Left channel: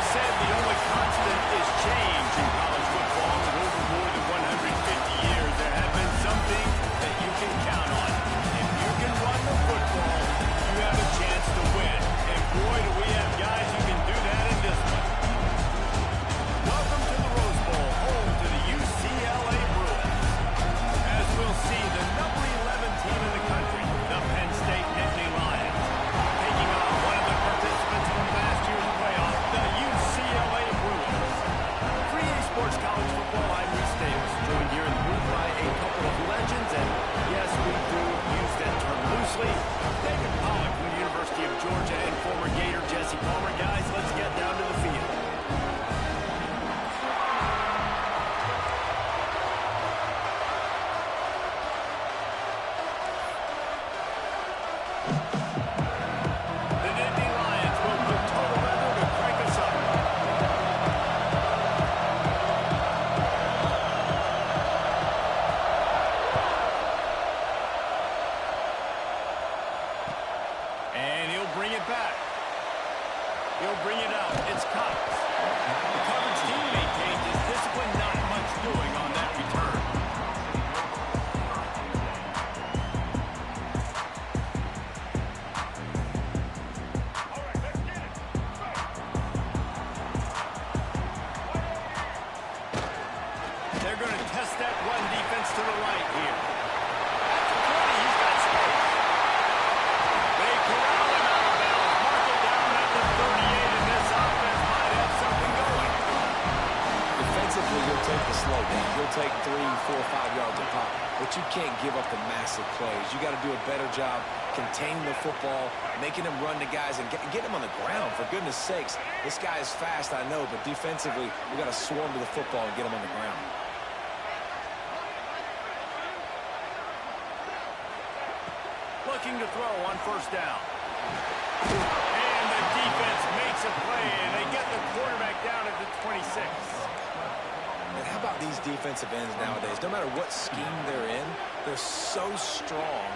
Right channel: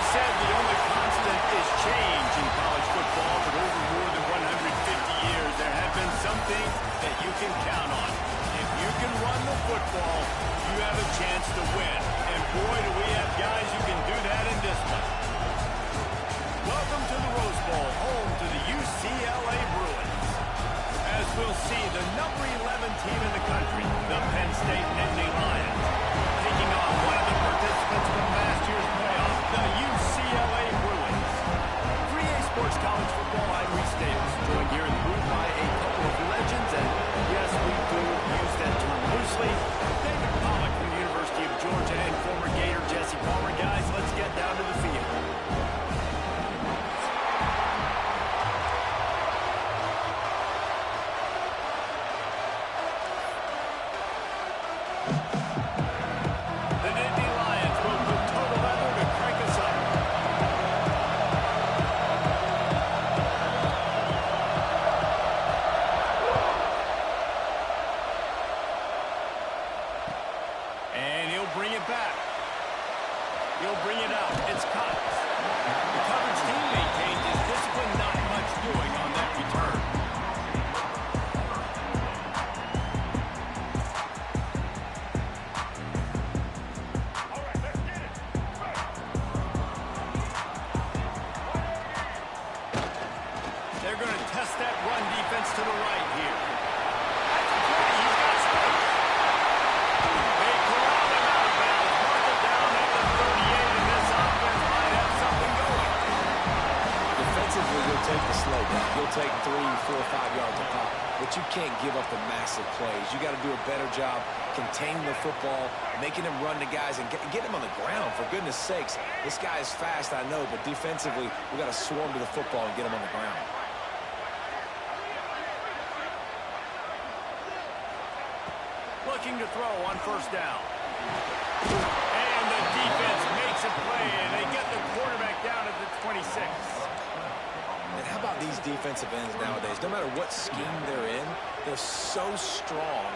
always said the only constant is change in college football, but over more than 150 years, there have been some things that you can count on. If you can run the football, you have a chance to win. And boy, do we have guys who can do that in this one. Welcome to the Rose Bowl, home to the UCLA Bruins. As we'll see, the number 11 team in the country, the Penn State Nittany Lions, taking on one of the participants from last year's playoff, the UCLA Bruins. 3A Sports College Football, I'm Reese Davis, joined here in the booth by a couple of legends, and yes, we do use that term loosely. David Pollack from the University of Georgia and former Gator Jesse Palmer. Guys, let's get down to the field. He'll bring it out. It's Cox. The coverage team maintained his discipline, not much doing on that return. All right, let's get it. They're going to test that run defense to the right here. At the 20, he's got space. They corral him out of bounds. Mark it down at the 38, and this offense might have something going. Defensively, you'll take the slow down. You'll take 3, 4, 5 yards a pop, but you can't give up the massive plays. You got to do a better job containing the football, making him run to guys, and get him on the ground. For goodness sakes, this guy is fast, I know, but defensively, we got to swarm to the football and get him on the ground. Looking to throw on first down. And the defense makes a play, and they get the quarterback down at the 26. And how about these defensive ends nowadays? No matter what scheme they're in, they're so strong,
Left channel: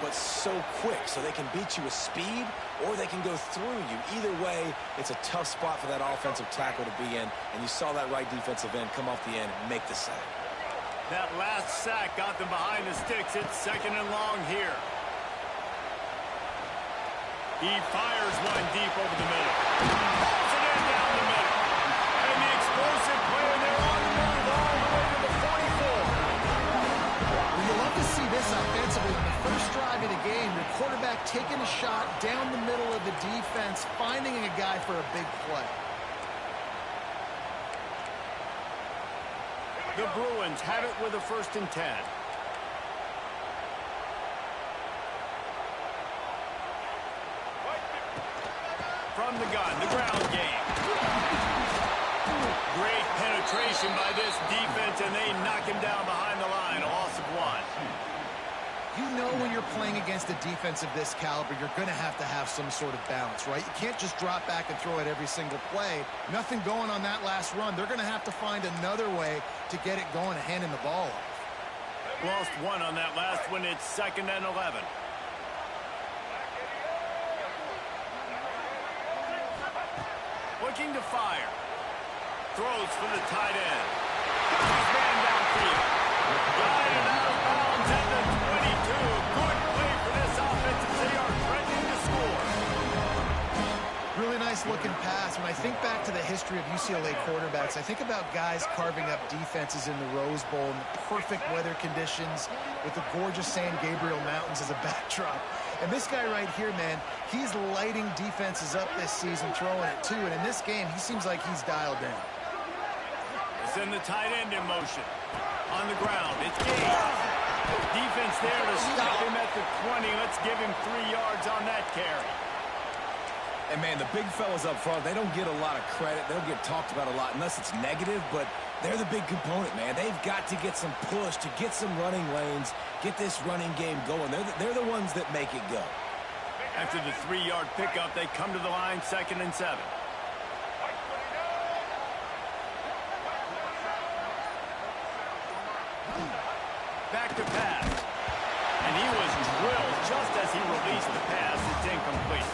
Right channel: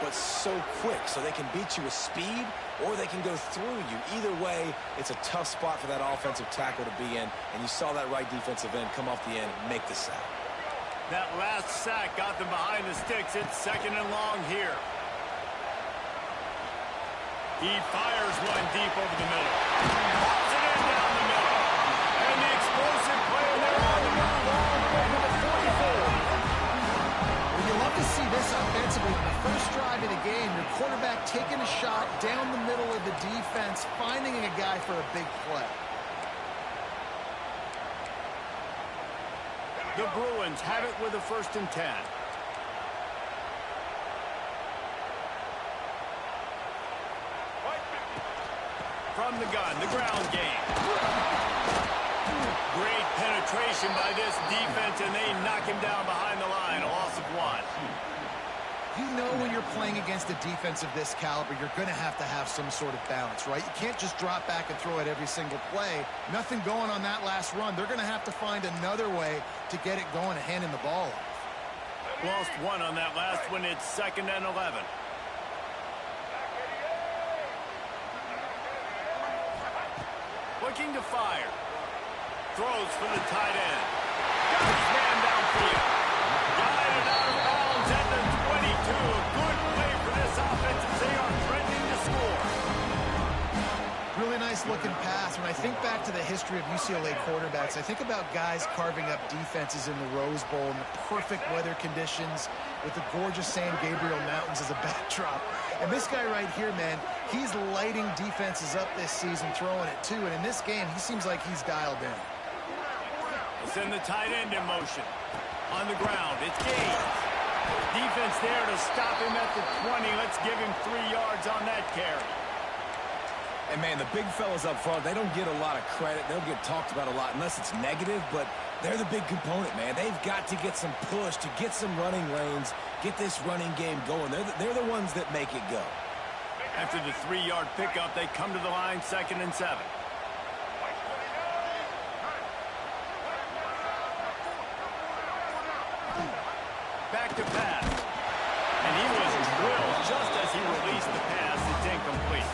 but so quick. So they can beat you with speed, or they can go through you. Either way, it's a tough spot for that offensive tackle to be in. And you saw that right defensive end come off the end and make the sack. That last sack got them behind the sticks. It's 2nd and long here. He fires one deep over the middle. Pulls it in down the middle. And the explosive play, and they're on the move all the way to the 44. Well, you love to see this offensively. On the first drive of the game, your quarterback taking a shot down the middle of the defense, finding a guy for a big play. The Bruins have it with a 1st and 10. From the gun, the ground game. Great penetration by this defense, and they knock him down behind the line. A loss of 1. You know when you're playing against a defense of this caliber, you're going to have some sort of balance, right? You can't just drop back and throw it every single play. Nothing going on that last run. They're going to have to find another way to get it going and handing the ball off. Lost 1 on that last one. It's 2nd and 11. Looking to fire. Throws for the tight end. Got his man downfield. Guided out of bounds at the 22. Good play for this offense as they are threatening to score. Really nice looking pass. When I think back to the history of UCLA quarterbacks, I think about guys carving up defenses in the Rose Bowl in the perfect weather conditions with the gorgeous San Gabriel Mountains as a backdrop. And this guy right here, man, he's lighting defenses up this season, throwing it too. And in this game, he seems like he's dialed in. We'll send the tight end in motion. On the ground, it's Gaines. Defense there to stop him at the 20. Let's give him 3 yards on that carry. And, man, the big fellas up front, they don't get a lot of credit. They don't get talked about a lot unless it's negative, but they're the big component, man. They've got to get some push, to get some running lanes, get this running game going. They're the ones that make it go. After the 3-yard pickup, they come to the line, 2nd and 7. Back to pass. And he was drilled just as he released the pass. It's incomplete.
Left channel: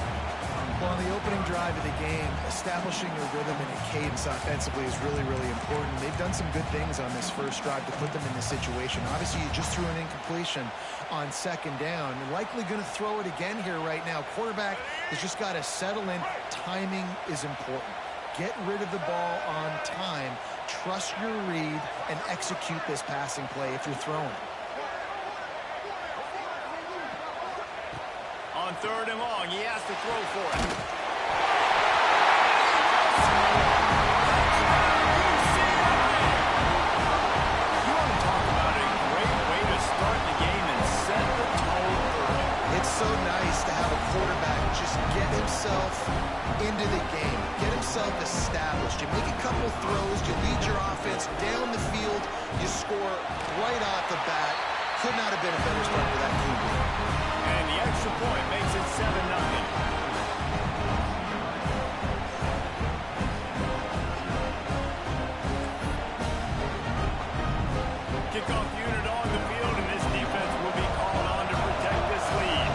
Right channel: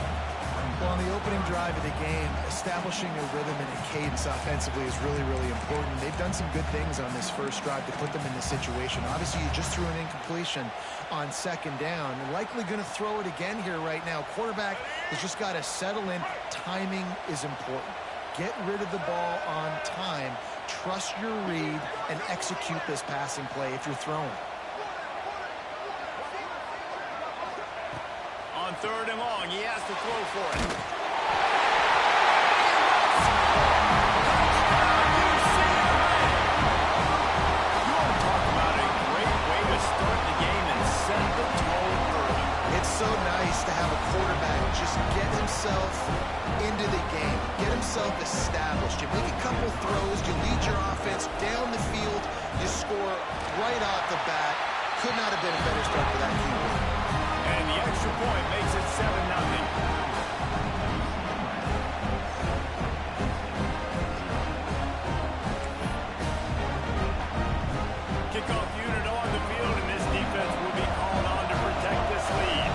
Well, on the opening drive of the game, establishing a rhythm and a cadence offensively is really, really important. They've done some good things on this first drive to put them in this situation. Obviously, you just threw an incompletion on second down and likely going to throw it again here right now. Quarterback has just got to settle in. Timing is important. Get rid of the ball on time. Trust your read and execute this passing play if you're throwing it. On 3rd and long, he has to throw for it. Touchdown, UCLA! You want to talk about a great way to start the game and set the tone early. It's so nice to have a quarterback just get himself into the game, get himself established. You make a couple throws, you lead your offense down the field, you score right off the bat. Could not have been a better start for that QB. And the extra point makes it 7-0. Kickoff unit on the field, and this defense will be called on to protect this lead.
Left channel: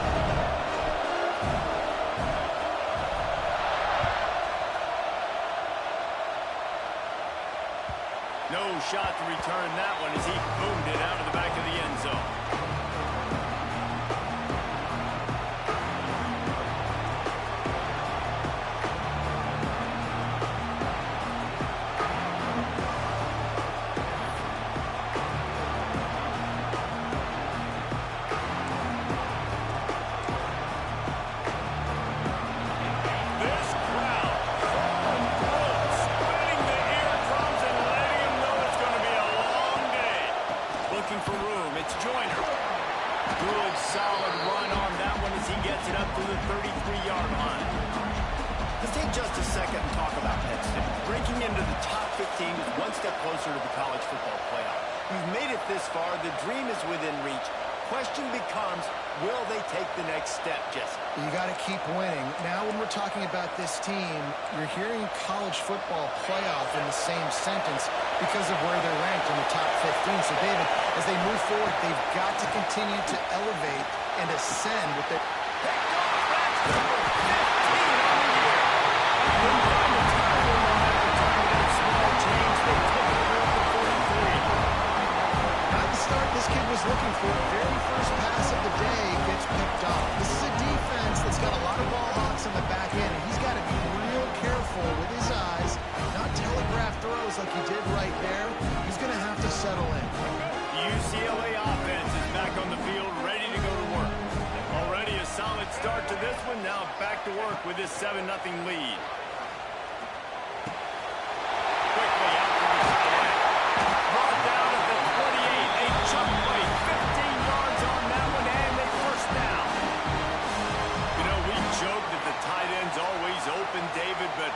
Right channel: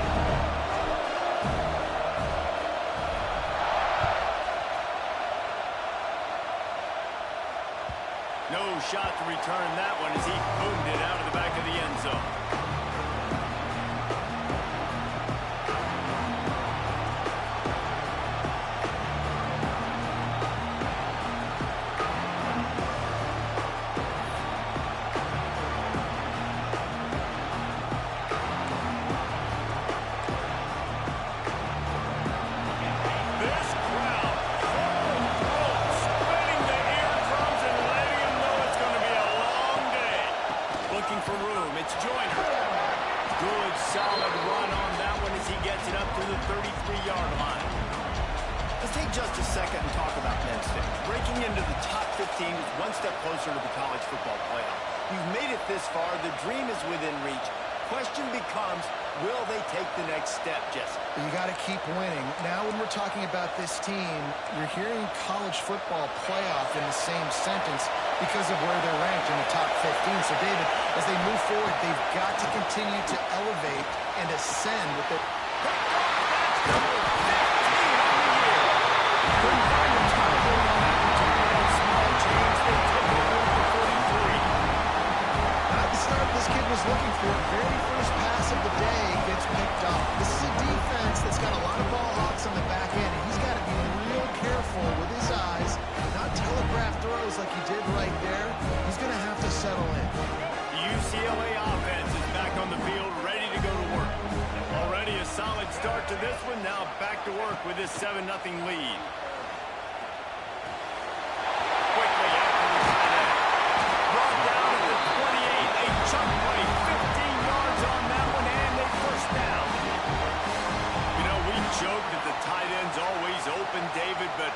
No shot to return that one as he boomed it out of the back of the end zone. Good, solid run on that one as he gets it up to the 33-yard line. Let's take just a second and talk about Penn State. Breaking into the top 15 is one step closer to the college football playoff. You've made it this far. The dream is within reach. Question becomes, will they take the next step, Jesse? You got to keep winning. Now when we're talking about this team, you're hearing college football playoff in the same sentence because of where they're ranked in the top 15. So, David, as they move forward, they've got to continue to elevate and ascend with their... Picked off. That's number 15 on the year. Couldn't find a time on that return with that small change. They take over at the 43. Not the start this kid was looking for. Very first pass of the day gets picked off. This is a defense that's got a lot of ball hawks on the back end, and he's got to be real careful with his eyes, not telegraph throws like he did right there. He's going to have to settle in. The UCLA offense is back on the field, ready to go to work. Already a solid start to this one. Now back to work with this 7-0 lead. Quickly after the tight end. Brought down at the 28. A chunk play, 15 yards on that one, and a first down. You know, we joke that the tight end's always open, David, but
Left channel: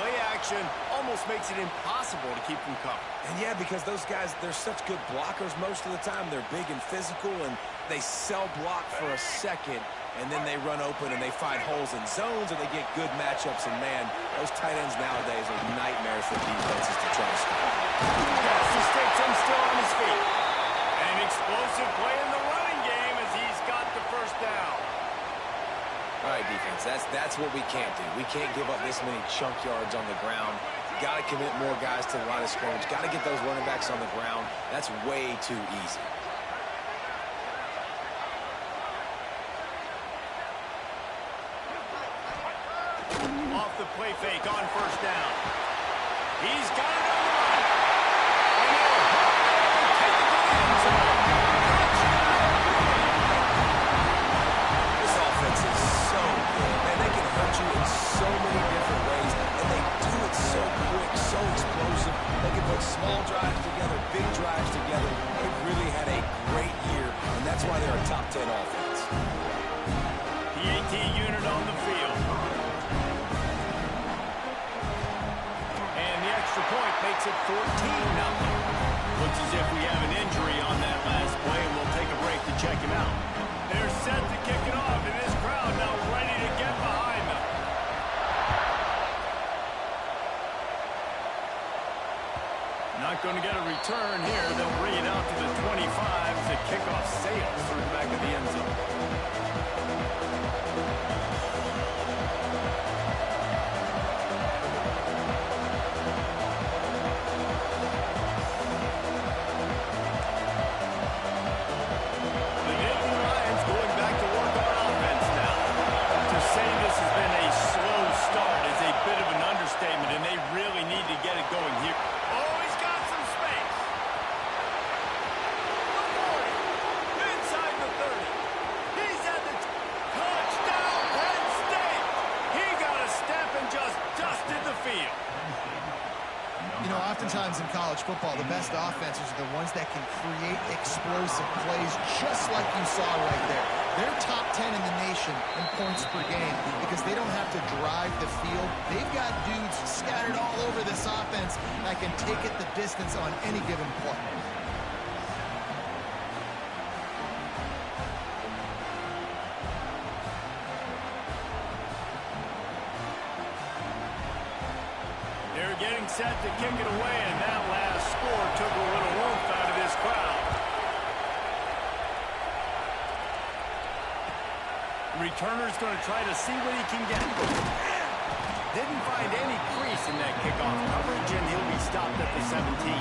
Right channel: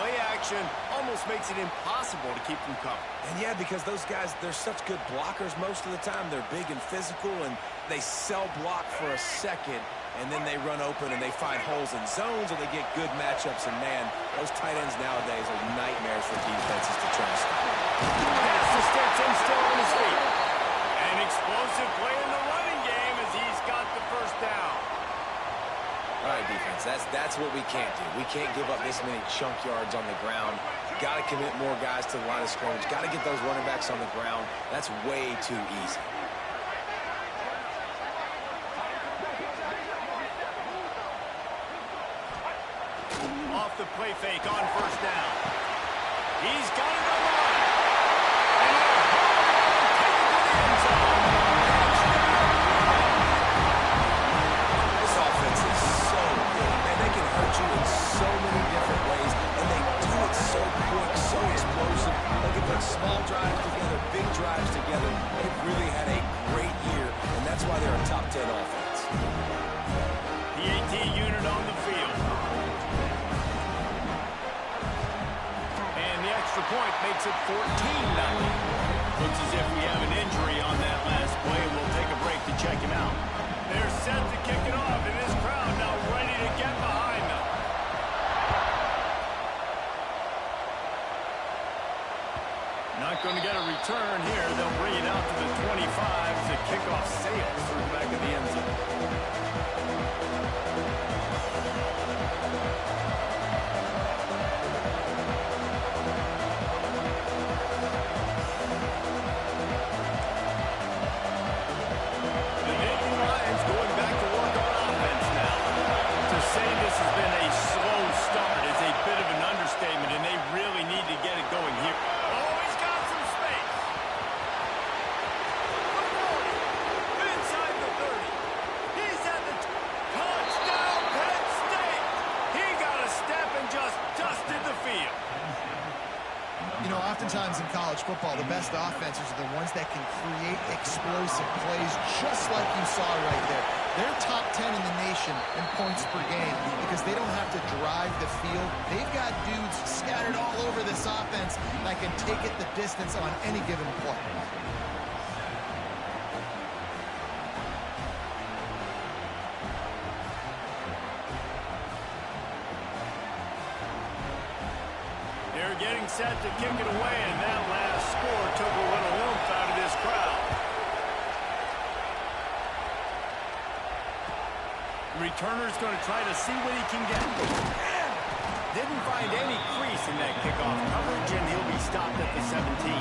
play action almost makes it impossible to keep them covered. And yeah, because those guys, they're such good blockers most of the time. They're big and physical, and they sell block for a second, and then they run open and they find holes in zones, or they get good matchups. And, man, those tight ends nowadays are nightmares for defenses to try to stop. Pass the sticks and still on his feet. An explosive play in the running game as he's got the first down. All right, defense, that's what we can't do. We can't give up this many chunk yards on the ground. Got to commit more guys to the line of scrimmage. Got to get those running backs on the ground. That's way too easy. Off the play fake on first down. He's got it on the run. And he'll hold on and take it to the end zone. Touchdown, Green. This offense is so good. Man, they can hurt you in so many different ways, and they do it so quick, so explosive. They can put small drives together, big drives together. They've really had a great year, and that's why they're a top 10 offense. The AT unit on the field. And the extra point makes it 14-0. Looks as if we have an injury on that last play, and we'll take a break to check him out. They're set to kick it off, and this crowd now ready to get behind them. Not going to get a return here. They'll bring it out to the 25 as the kickoff sails through the back of the end zone. The Nittany Lions going back to work on offense now. To say this has been a slow start is a bit of an understatement, and they really need to get it going here. Oh, he's got some space. The 40. Inside the 30. He's at the touchdown, Penn State. He got a step and just dusted the field. You know, oftentimes in college football, the best offenses are the ones that can create explosive plays, just like you saw right there. They're top 10 in the nation in points per game because they don't have to drive the field. They've got dudes scattered all over this offense that can take it the distance on any given play. They're getting set to kick it away, and that last score took a little oomph out of this crowd. Returner's going to try to see what he can get. Didn't find any crease in that kickoff coverage, and he'll be stopped at the 17.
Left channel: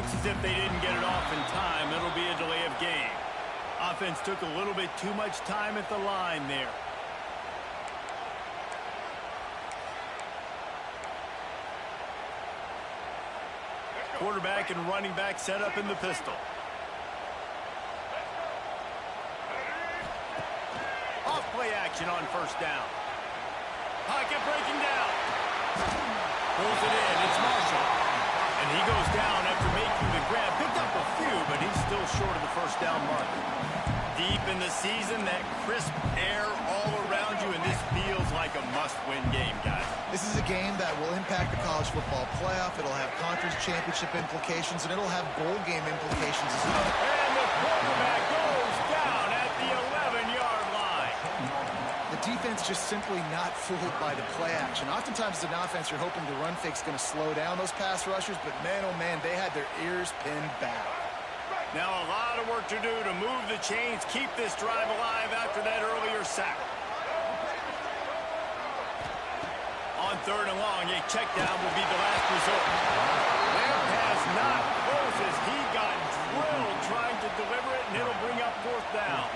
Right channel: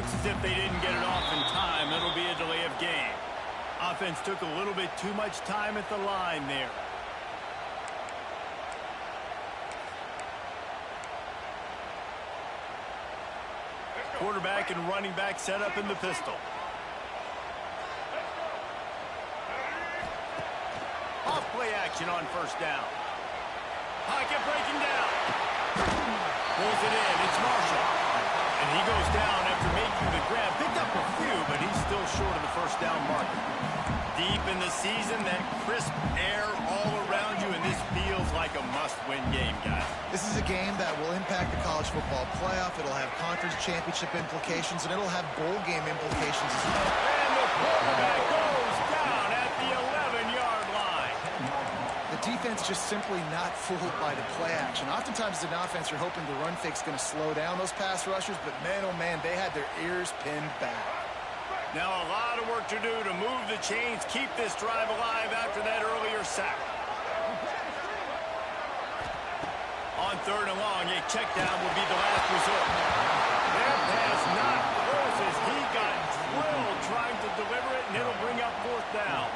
As if they didn't get it off in time, it'll be a delay of game. Offense took a little bit too much time at the line there. Quarterback and running back set up in the pistol. Off play action on first down. Pocket breaking down. Pulls it in. It's Marshall. And he goes down after making the grab. Picked up a few, but he's still short of the first down marker. Deep in the season, that crisp air all around you, and this feels like a must-win game, guys. This is a game that will impact the college football playoff. It'll have conference championship implications, and it'll have bowl game implications as well. And the quarterback goes down at the 11-yard line. The defense just simply not fooled by the play action. Oftentimes as an offense, you're hoping the run fake's going to slow down those pass rushers, but man, oh man, they had their ears pinned back. Now a lot of work to do to move the chains, keep this drive alive after that earlier sack. On third and long, a check down will be the last resort. That pass not close as he got drilled trying to deliver it, and it'll bring up fourth down.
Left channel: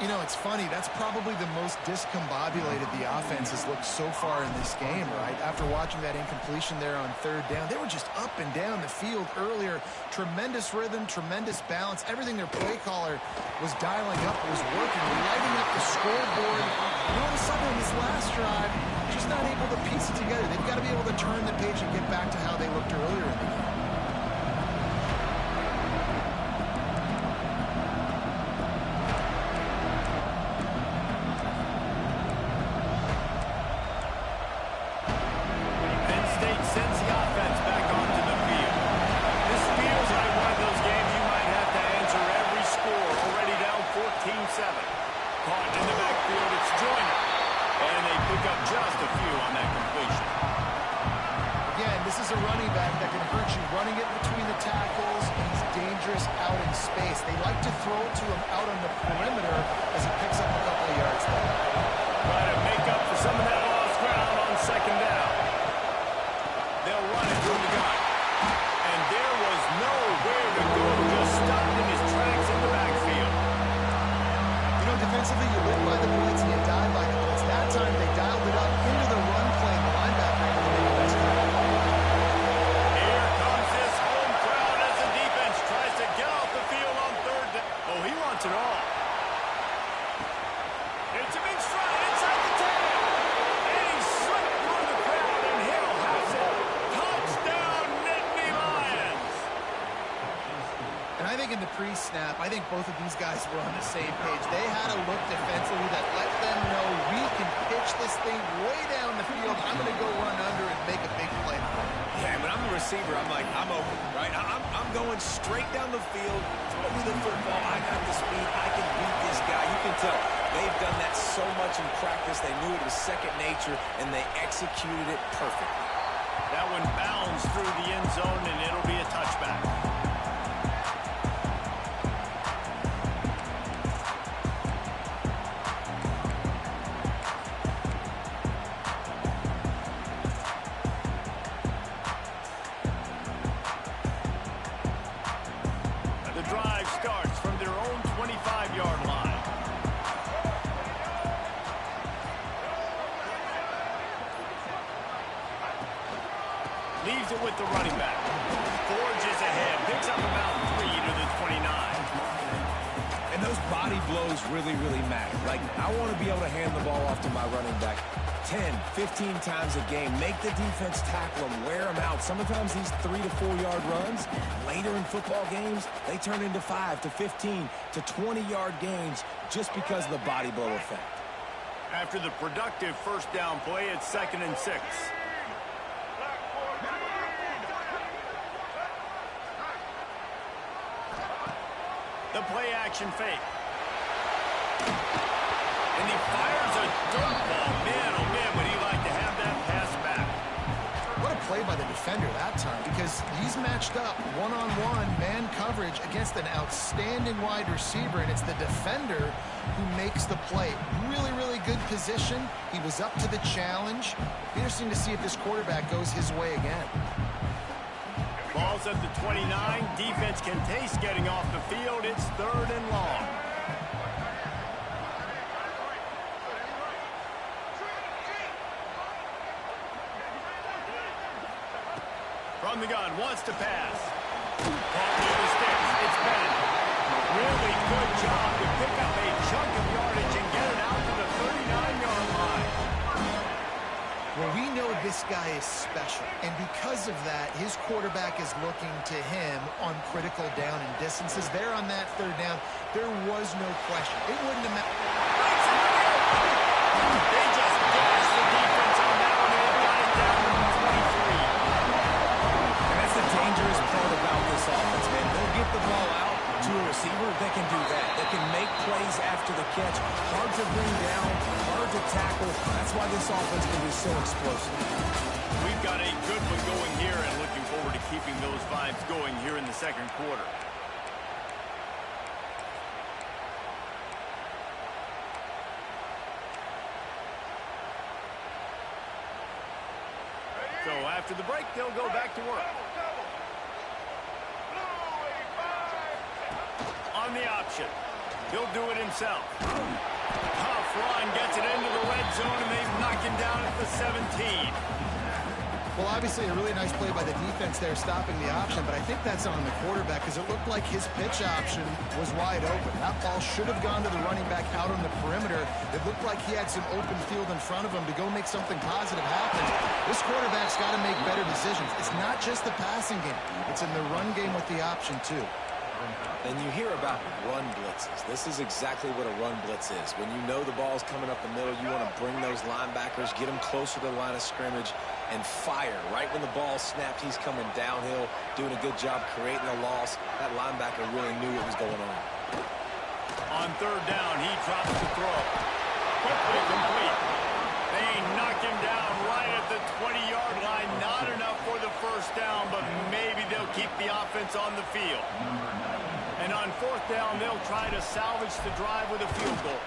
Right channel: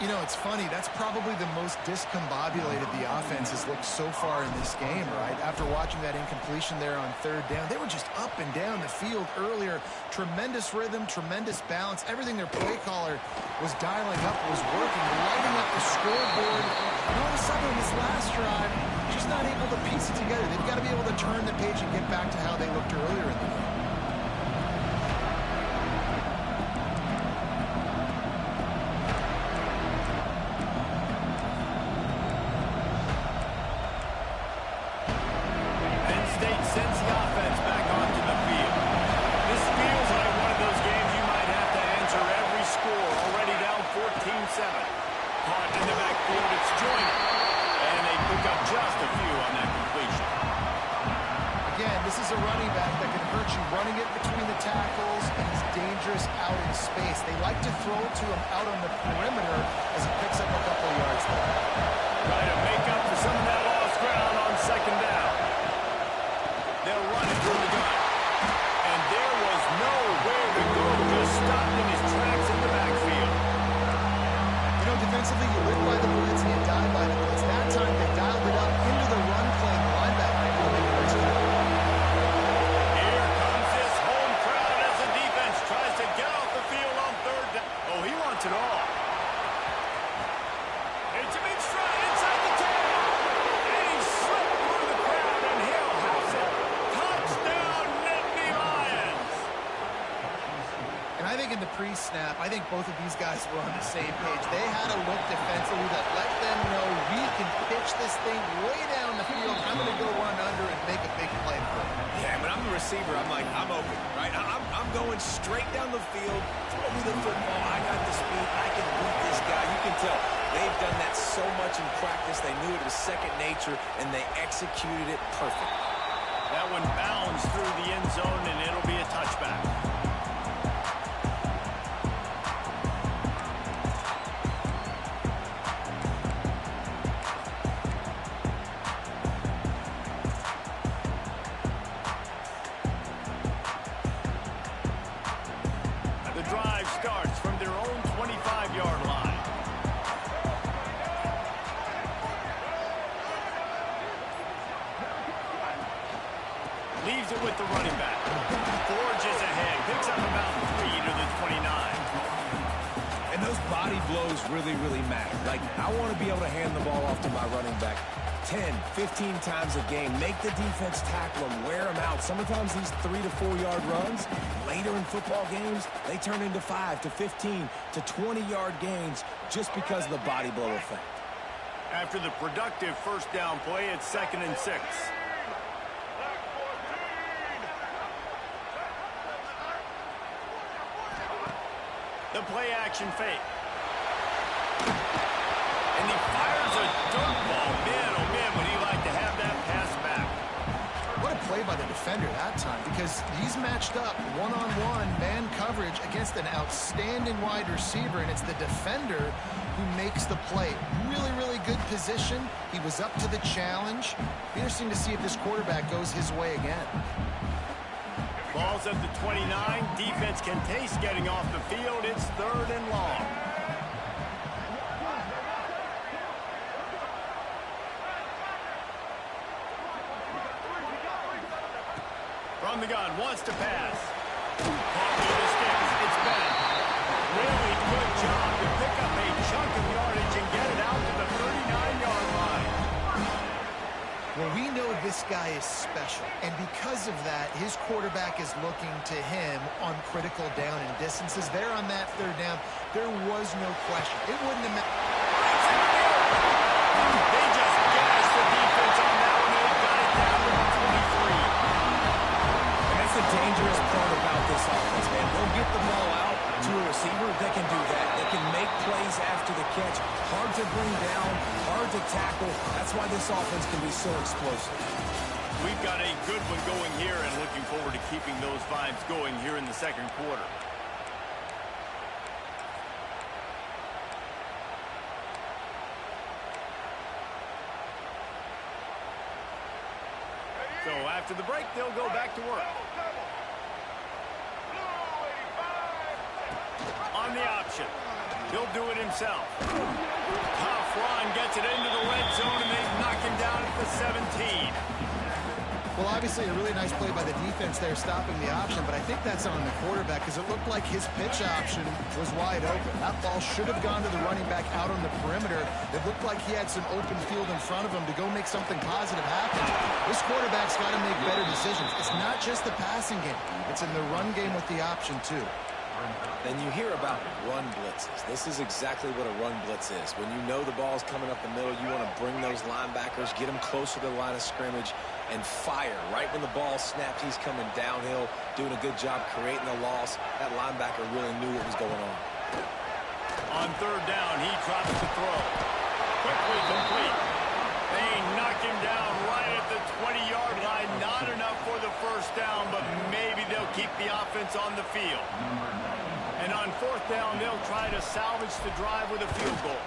You know, it's funny. That's probably the most discombobulated the offense has looked so far in this game, right? After watching that incompletion there on third down, they were just up and down the field earlier. Tremendous rhythm, tremendous balance. Everything their play caller was dialing up was working, lighting up the scoreboard. And all of a sudden, in this last drive, just not able to piece it together. They've got to be able to turn the page and get back to how they looked earlier in the game. Sends the offense back onto the field. This feels like one of those games you might have to answer every score. Already down 14-7. Caught in the backfield, it's Joyner. And they pick up just a few on that completion. Again, this is a running back that can hurt you running it between the tackles, and he's dangerous out in space. They like to throw it to him out on the perimeter as he picks up a couple of yards there. Try to make up for some of that lost ground on second down. They'll run it from the gun. And there was nowhere to go, just stopped in his tracks in the backfield. You know, defensively, you live by the blitz and you die by the blitz. That time, they dialed it up into the run play, and the linebacker able to make a nice tackle. Here comes this home crowd as the defense tries to get off the field on third down. Oh, he wants it all. It's him in stride inside the 10. And he slipped through the crowd, and he'll house it. Touchdown, Nittany Lions. And I think in the pre-snap, I think both of these guys were on the same page. They had a look defensively that let them know we can pitch this thing way down the field. I'm going to go run under and make a big play for it. Yeah, when I'm the receiver, I'm like, I'm open, right? I'm going straight down the field. Throw me the football. I got the speed. I can beat this guy. You can tell they've done that so much in practice. They knew it was second nature, and they executed it perfectly. That one bounds through the end zone, and it'll be a touchback. The drive starts from their own 25-yard line. Leaves it with the running back. Forges ahead. Picks up about 3 to the 29. And those body blows really, really matter. Like, I want to be able to hand the ball off to my running back 10, 15 times a game. Make the defense tackle them, wear them out. Sometimes these 3 to 4 yard runs, later in football games, they turn into 5 to 15 to 20 yard gains just because of the body blow effect. After the productive first down play, it's 2nd and 6. The play-action fake. And he fires a dirt ball. Man, oh man, would he like to have that pass back. What a play by the defender that time, because he's matched up one-on-one man coverage against an outstanding wide receiver, and it's the defender who makes the play. Really, really good position. He was up to the challenge. Be interesting to see if this quarterback goes his way again. Ball's at the 29. Defense can taste getting off the field. It's 3rd and long. From the gun, wants to pass. Caught near the sticks. It's Bennett. Really good job to pick up a chunk of yardage and get it out to the 39-yard line. Well, we know this guy is special, and because of that, his quarterback is looking to him on critical down and distances. There on that 3rd down, there was no question. It wouldn't have mattered. They just gashed the defense on that one, and they got it down to the 23. And that's the dangerous part about this offense, man. They'll get the ball out to a receiver. They can do that. They can make plays after the catch. Hard to bring down, hard to tackle. That's why this offense can be so explosive. We've got a good one going here and looking forward to keeping those vibes going here in the 2nd quarter. So after the break, they'll go back to work. On the option. He'll do it himself. Tough run, gets it into the red zone, and they knock him down at the 17. Well, obviously a really nice play by the defense there stopping the option, but I think that's on the quarterback because it looked like his pitch option was wide open. That ball should have gone to the running back out on the perimeter. It looked like he had some open field in front of him to go make something positive happen. This quarterback's got to make better decisions. It's not just the passing game. It's in the run game with the option, too. And you hear about run blitzes. This is exactly what a run blitz is. When you know the ball's coming up the middle, you want to bring those linebackers, get them closer to the line of scrimmage, and fire. Right when the ball snapped, he's coming downhill, doing a good job creating a loss. That linebacker really knew what was going on. On 3rd down, he drops the throw. Quickly complete. They knock him down right at the 20-yard line. Not enough for the first down, but maybe they'll keep the offense on the field. And on 4th down, they'll try to salvage the drive with a field goal.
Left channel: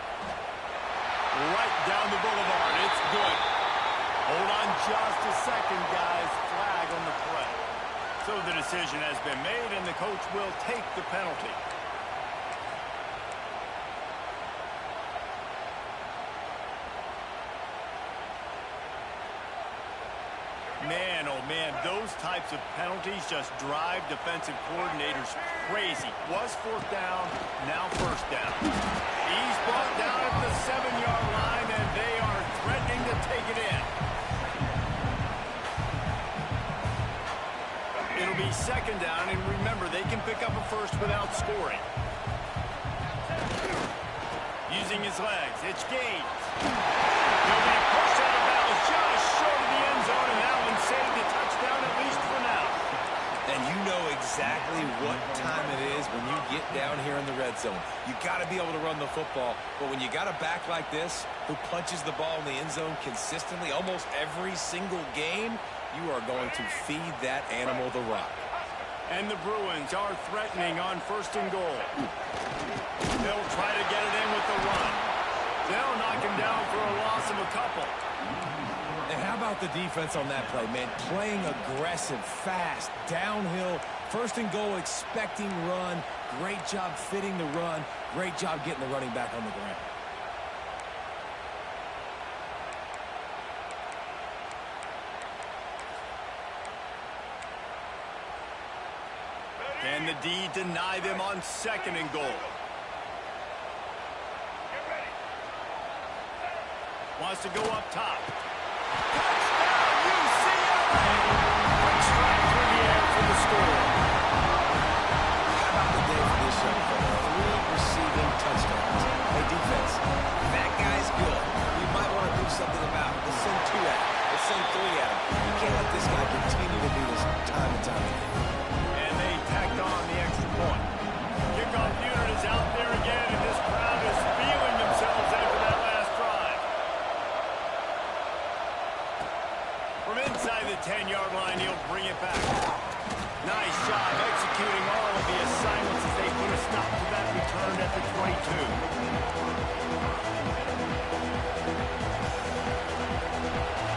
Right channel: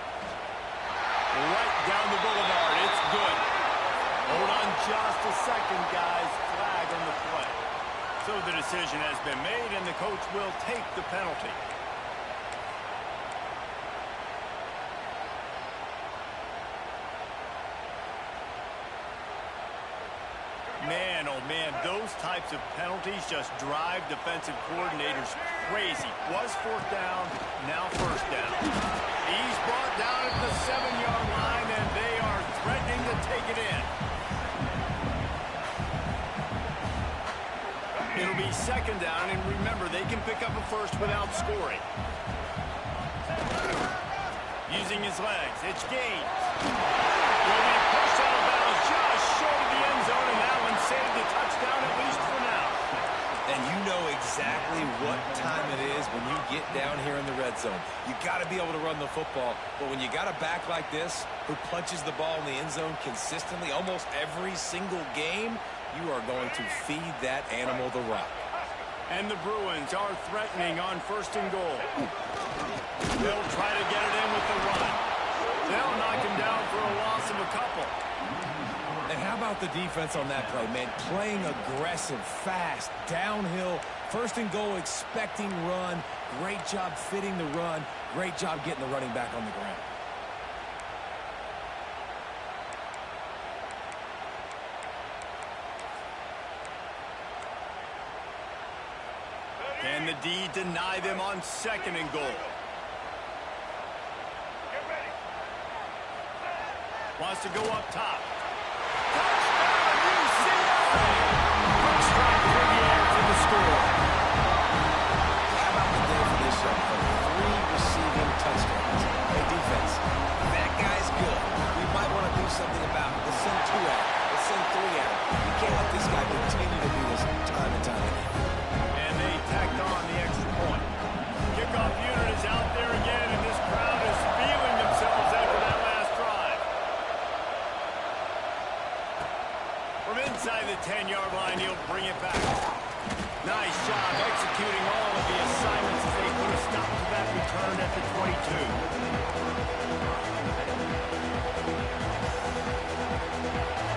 Right down the boulevard. It's good. Hold on just a second, guys. Flag on the play. So the decision has been made, and the coach will take the penalty. Man, oh man, those types of penalties just drive defensive coordinators crazy. Was 4th down, now 1st down. He's brought down at the 7-yard line, and they are threatening to take it in. It'll be second down, and remember, they can pick up a first without scoring. Using his legs, it's Gaines. He'll be pushed out of bounds just short of the end zone, and that one saved a touchdown, at least for now. And you know exactly what time it is when you get down here in the red zone. You got to be able to run the football, but when you got a back like this who punches the ball in the end zone consistently almost every single game, you are going to feed that animal the rock. And the Bruins are threatening on first and goal. They'll try to get it in with the run. They'll knock him down for a loss of a couple. And how about the defense on that play, man? Playing aggressive, fast, downhill, first and goal, expecting run. Great job fitting the run. Great job getting the running back on the ground. Can the D deny them on second and goal? Wants to go up top. Touchdown, UCLA! Quick strike through the air for the score. How about the day for this young fella? 3 receiving touchdowns. Hey, defense, that guy's good. We might want to do something about it. Let's send 2 at him. Let's send 3 at him. We can't let this guy continue to beat us time and time again. And they tacked on the extra point. Kickoff unit is out there again, and this crowd is feeling themselves after that last drive. From inside the 10-yard line, he'll bring it back. Nice job executing all of the assignments as they put a stop to that return at the 22.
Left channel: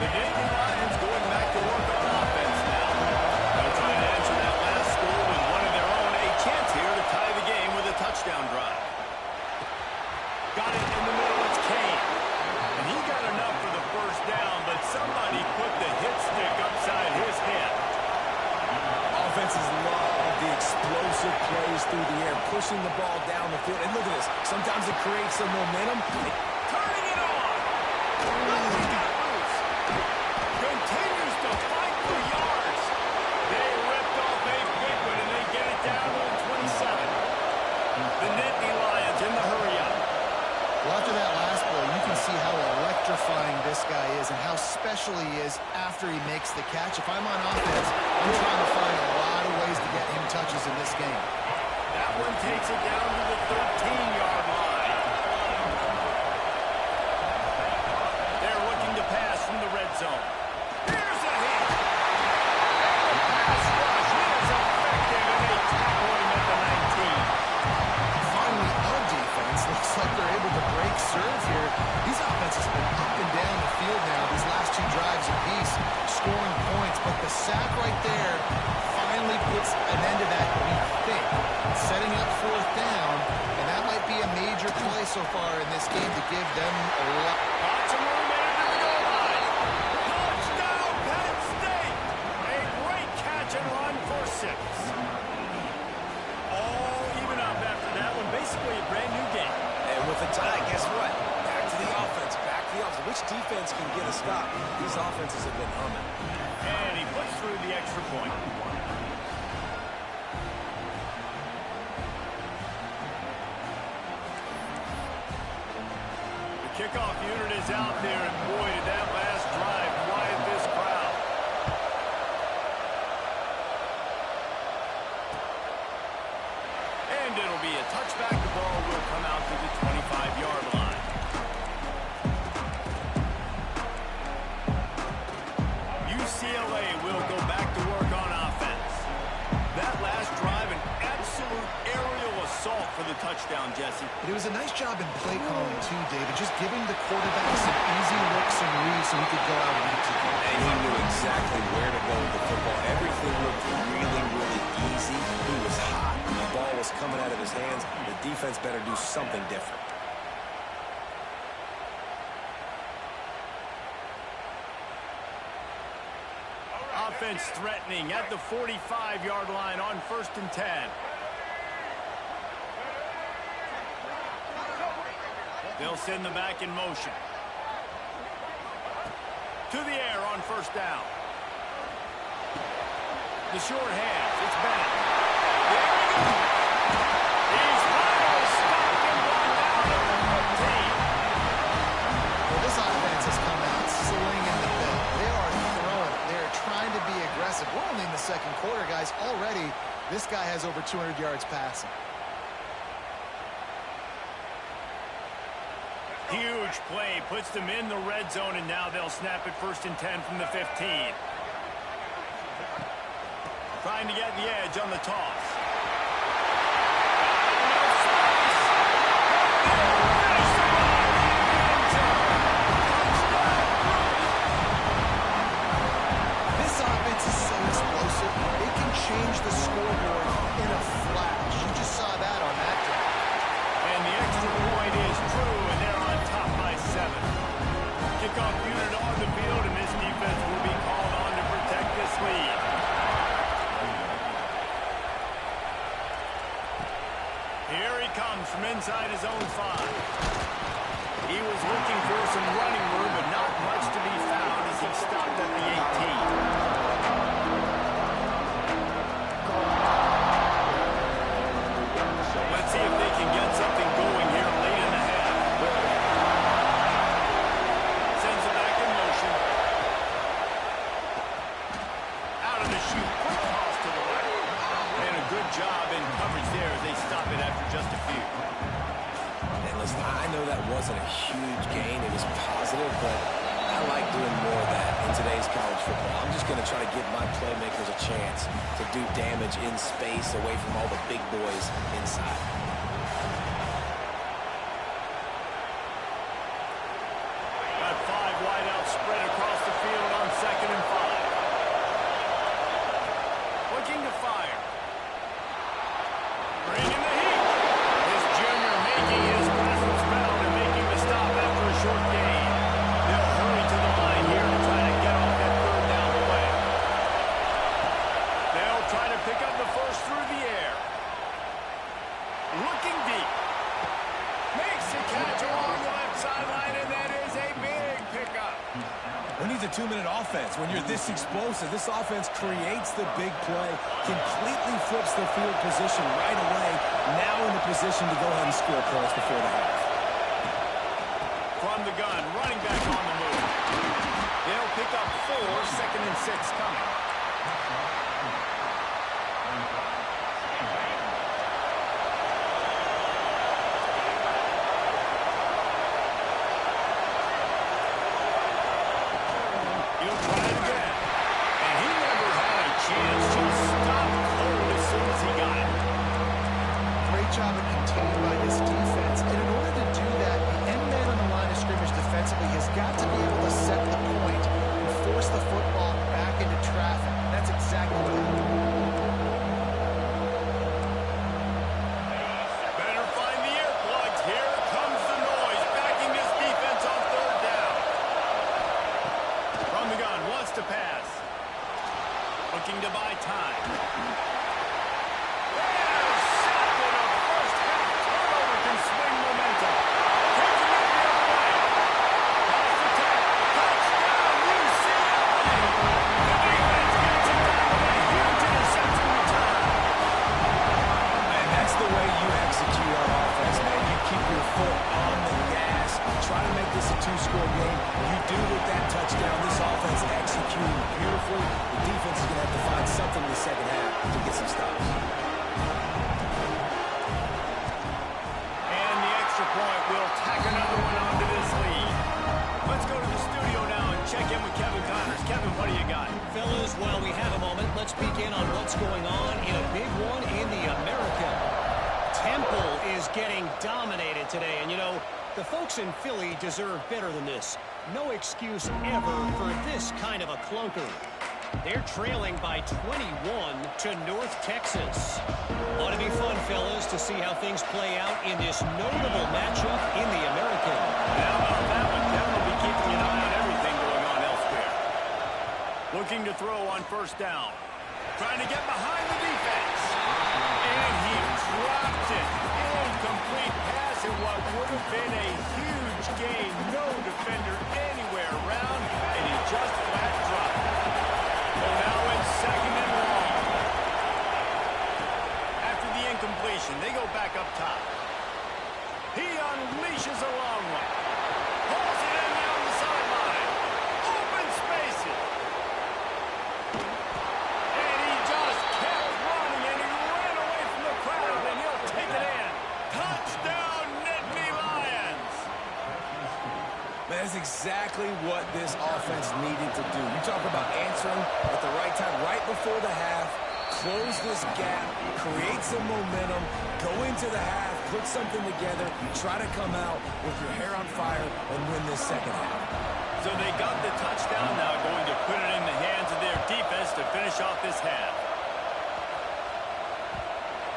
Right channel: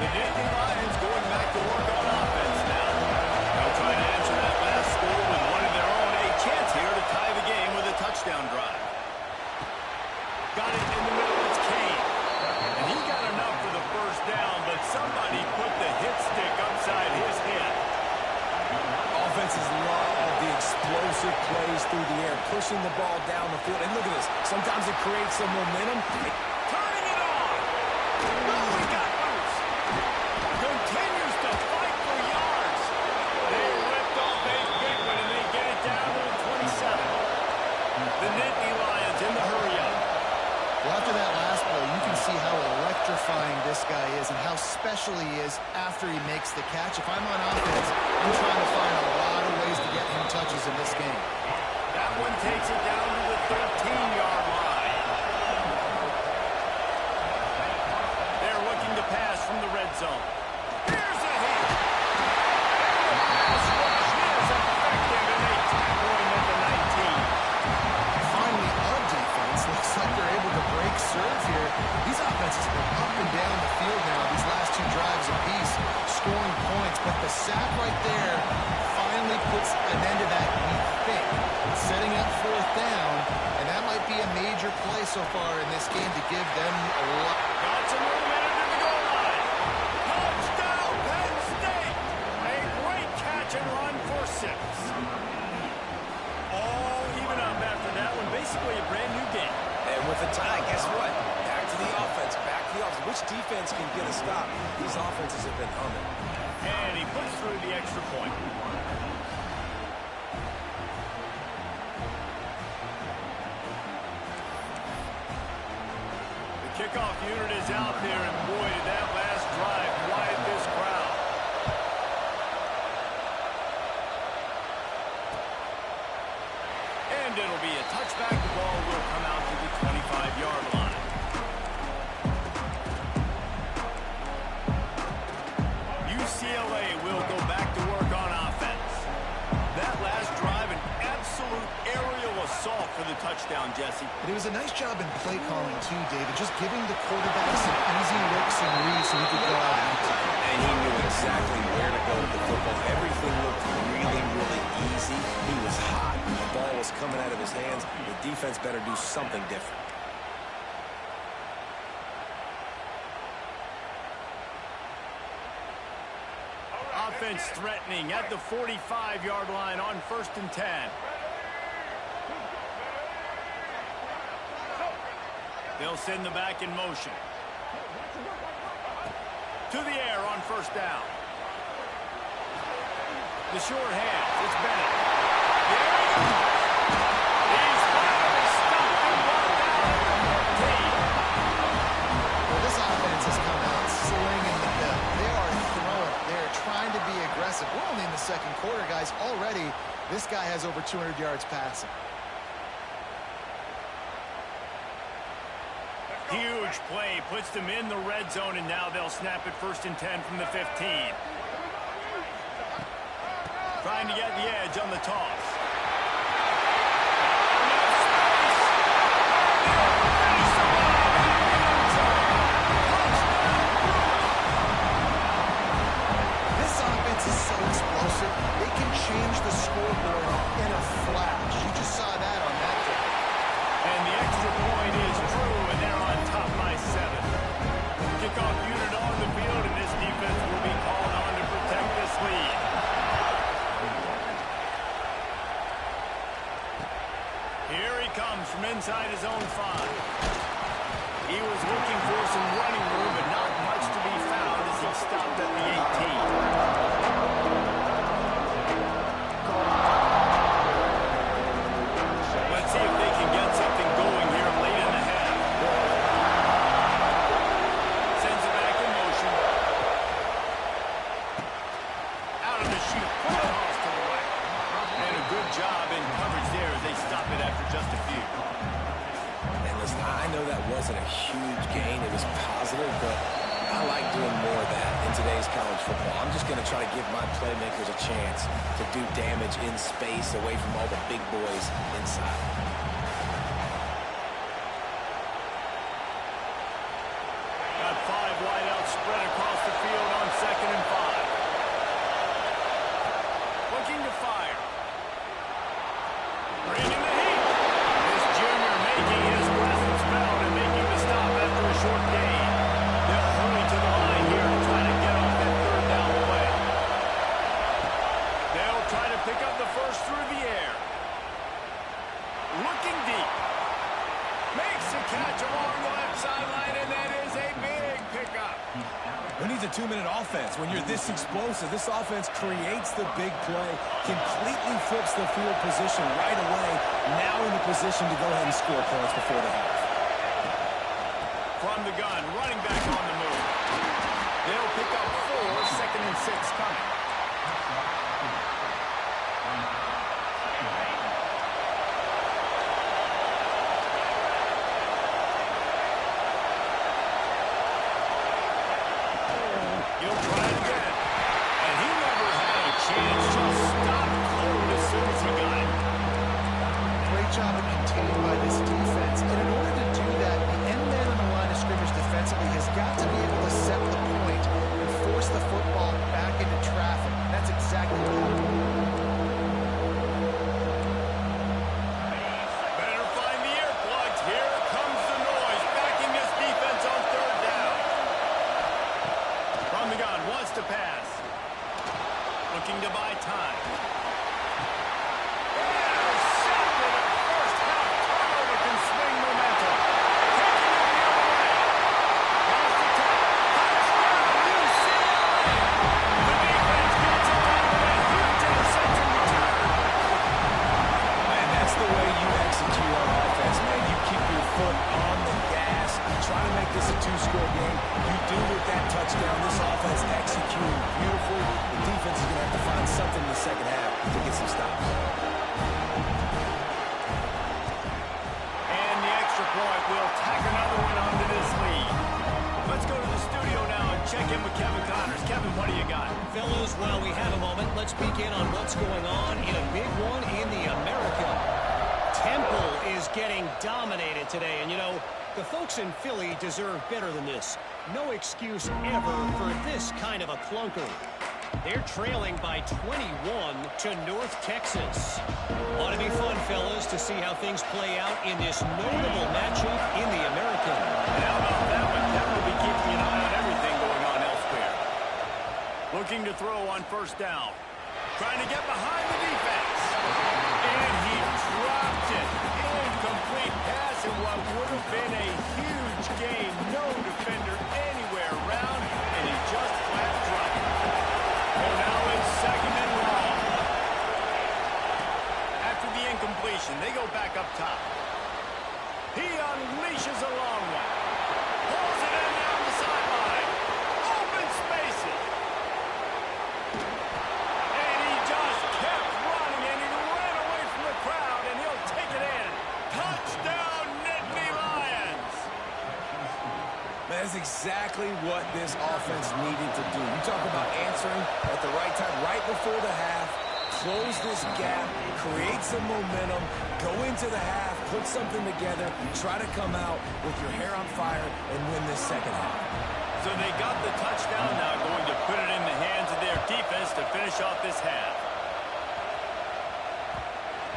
The Nittany Lions going back to work on offense now. They'll try to answer that last score with one of their own. A chance here to tie the game with a touchdown drive. Got it in the middle. It's Kane. And he got enough for the first down, but somebody put the hit stick upside his head. Offenses love the explosive plays through the air, pushing the ball down the field. And look at this. Sometimes it creates some momentum. Turning it on. Oh, he got loose. Continues to fight for yards. They ripped off a big one, and they get it down to the 27. The Nittany Lions in the hurry-up. Well, after that last play, you can see how electrifying this guy is and how special he is after he makes the catch. If I'm on offense, I'm trying to find a lot of ways to get him touches in this game. That one takes it down to the 13-yard line. They're looking to pass from the red zone. Here's a hit. And the pass rush is effective, and they tackle him at the 19. Finally, a defense looks like they're able to break serve here. These offenses have been up and down the field now these last 2 drives apiece, scoring points. But the sack right there finally puts an end to that, we think, setting up 4th down. And that might be a major play so far in this game to give them a lot. Got some room in it to the goal line. Touchdown, Penn State. A great catch and run for 6. All even up after that one. Basically a brand new game. And with a tie, guess what? Back to the offense. Back to the offense. Which defense can get a stop? These offenses have been humming. And he puts through the extra point. The kickoff unit is out there, and boy, did that last drive quiet this crowd. And it'll be a touchback. The ball will come out to the 25-yard line. UCLA will go back to work on offense. That last drive, an absolute aerial assault for the touchdown, Jesse. But it was a nice job in play calling too, David, just giving the quarterback some easy looks and reads so he could go out and execute. And he knew exactly where to go with the football. Everything looked really, really easy. He was hot. The ball was coming out of his hands. The defense better do something different. Offense threatening at the 45-yard line on 1st and 10. They'll send the back in motion. To the air on 1st down. The short hands. It's Bennett. There he goes. He's finally stopped and brought down at the 15. Well, this offense has come out slinging the bill. They are throwing it. They are trying to be aggressive. We're only in the second quarter, guys. Already, this guy has over 200 yards passing. Huge play. Puts them in the red zone, and now they'll snap it 1st and 10 from the 15. Trying to get the edge on the toss. Enough space. And they'll finish the run in the end zone. Touchdown, Bruins. This offense is so explosive. They can change the scoreboard in a flash. You just saw that on that drive. And the extra point is true, and they're on top by 7. Kickoff unit on the field, and this defense will be called on to protect this lead. Here he comes from inside his own 5. He was looking for some running room, but not much to be found as he stopped at the 18. Let's see if they can get something going here late in the half. Sends it back in motion. Out of the chute. Quick toss to the right. And a good job in coverage there as they stop it after just a few. And listen, I know that wasn't a huge gain. It was positive, but I like doing more of that in today's college football. I'm just going to try to give my playmakers a chance to do damage in space away from all the big boys inside. Got 5 wide out spread across the field on 2nd and 5. Looking to fire. Bringing the heat. This junior making his presence felt and making the stop after a short gain. They'll hurry to the line here to try to get off that 3rd down play. They'll try to pick up the first through the air. Looking deep. Makes a catch along the left sideline, and that is a big pickup. Who needs a 2-minute offense? When you're this explosive, this offense creates the big play, completely flips the field position right away, now in a position to go ahead and score points before the half. From the gun, running back on the move. They'll pick up 4, 2nd and 6 coming. He'll try it again. And he never had a chance. Just stopped cold as soon as he got it. Great job of contained by this defense. And in order to do that, the end man on the line of scrimmage defensively has got to be able to set the point and force the football back into traffic. And that's exactly what happened. Better find the earplugs. Here comes the noise, backing this defense on 3rd down. From the gun, wants to pass. Looking to buy time. Intercepted. A first half turnover can swing momentum. Taking it the other way. Pass the tech. Touchdown, UCLA. The defense gets it done with a huge interception return. And that's the way you execute on offense, man. You keep your foot on the gas. Try to make this a 2-score game. You do with that touchdown. This offense executing beautifully. The defense is going to have to find something in the second half to get some stops. And the extra point will tack another one onto this lead. Let's go to the studio now and check in with Kevin Connors. Kevin, what do you got? Fellas, while we have a moment, let's peek in on what's going on in a big one in the American. Temple is getting dominated today, and you know, the folks in Philly deserve better than this. No excuse ever for this kind of a clunker. They're trailing by 21 to North Texas. Ought to be fun, fellas, to see how things play out in this notable matchup in the American. And how about that one? Kevin will be keeping an eye on everything going on elsewhere. Looking to throw on 1st down. Trying to get behind the defense. And he dropped it. Incomplete pass in what would have been a huge gain. No defender anywhere around, and he just flat dropped it. So now it's 2nd and long. the incompletion. They go back up top. He unleashes a long one. Pulls it in down the sideline. Open spaces. And he just kept running, and he ran away from the crowd, and he'll take it in. Touchdown, Nittany Lions. That's exactly what this offense needed to do. You talk about answering at the right time, right before the half, close this gap, create some momentum, go into the half, put something together, try to come out with your hair on fire and win this second half. So they got the touchdown, now going to put it in the hands of their defense to finish off this half.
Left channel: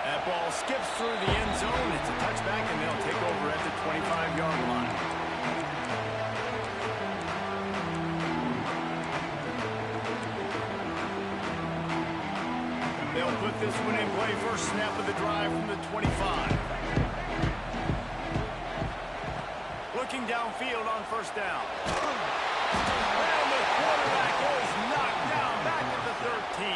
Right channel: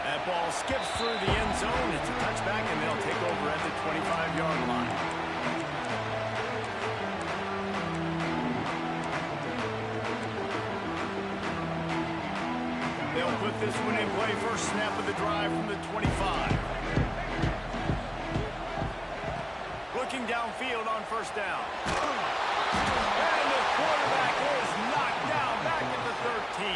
That ball skips through the end zone. It's a touchback, and they'll take over at the 25-yard line. They'll put this one in play. First snap of the drive from the 25. Looking downfield on first down. And the quarterback is knocked down back at the 13.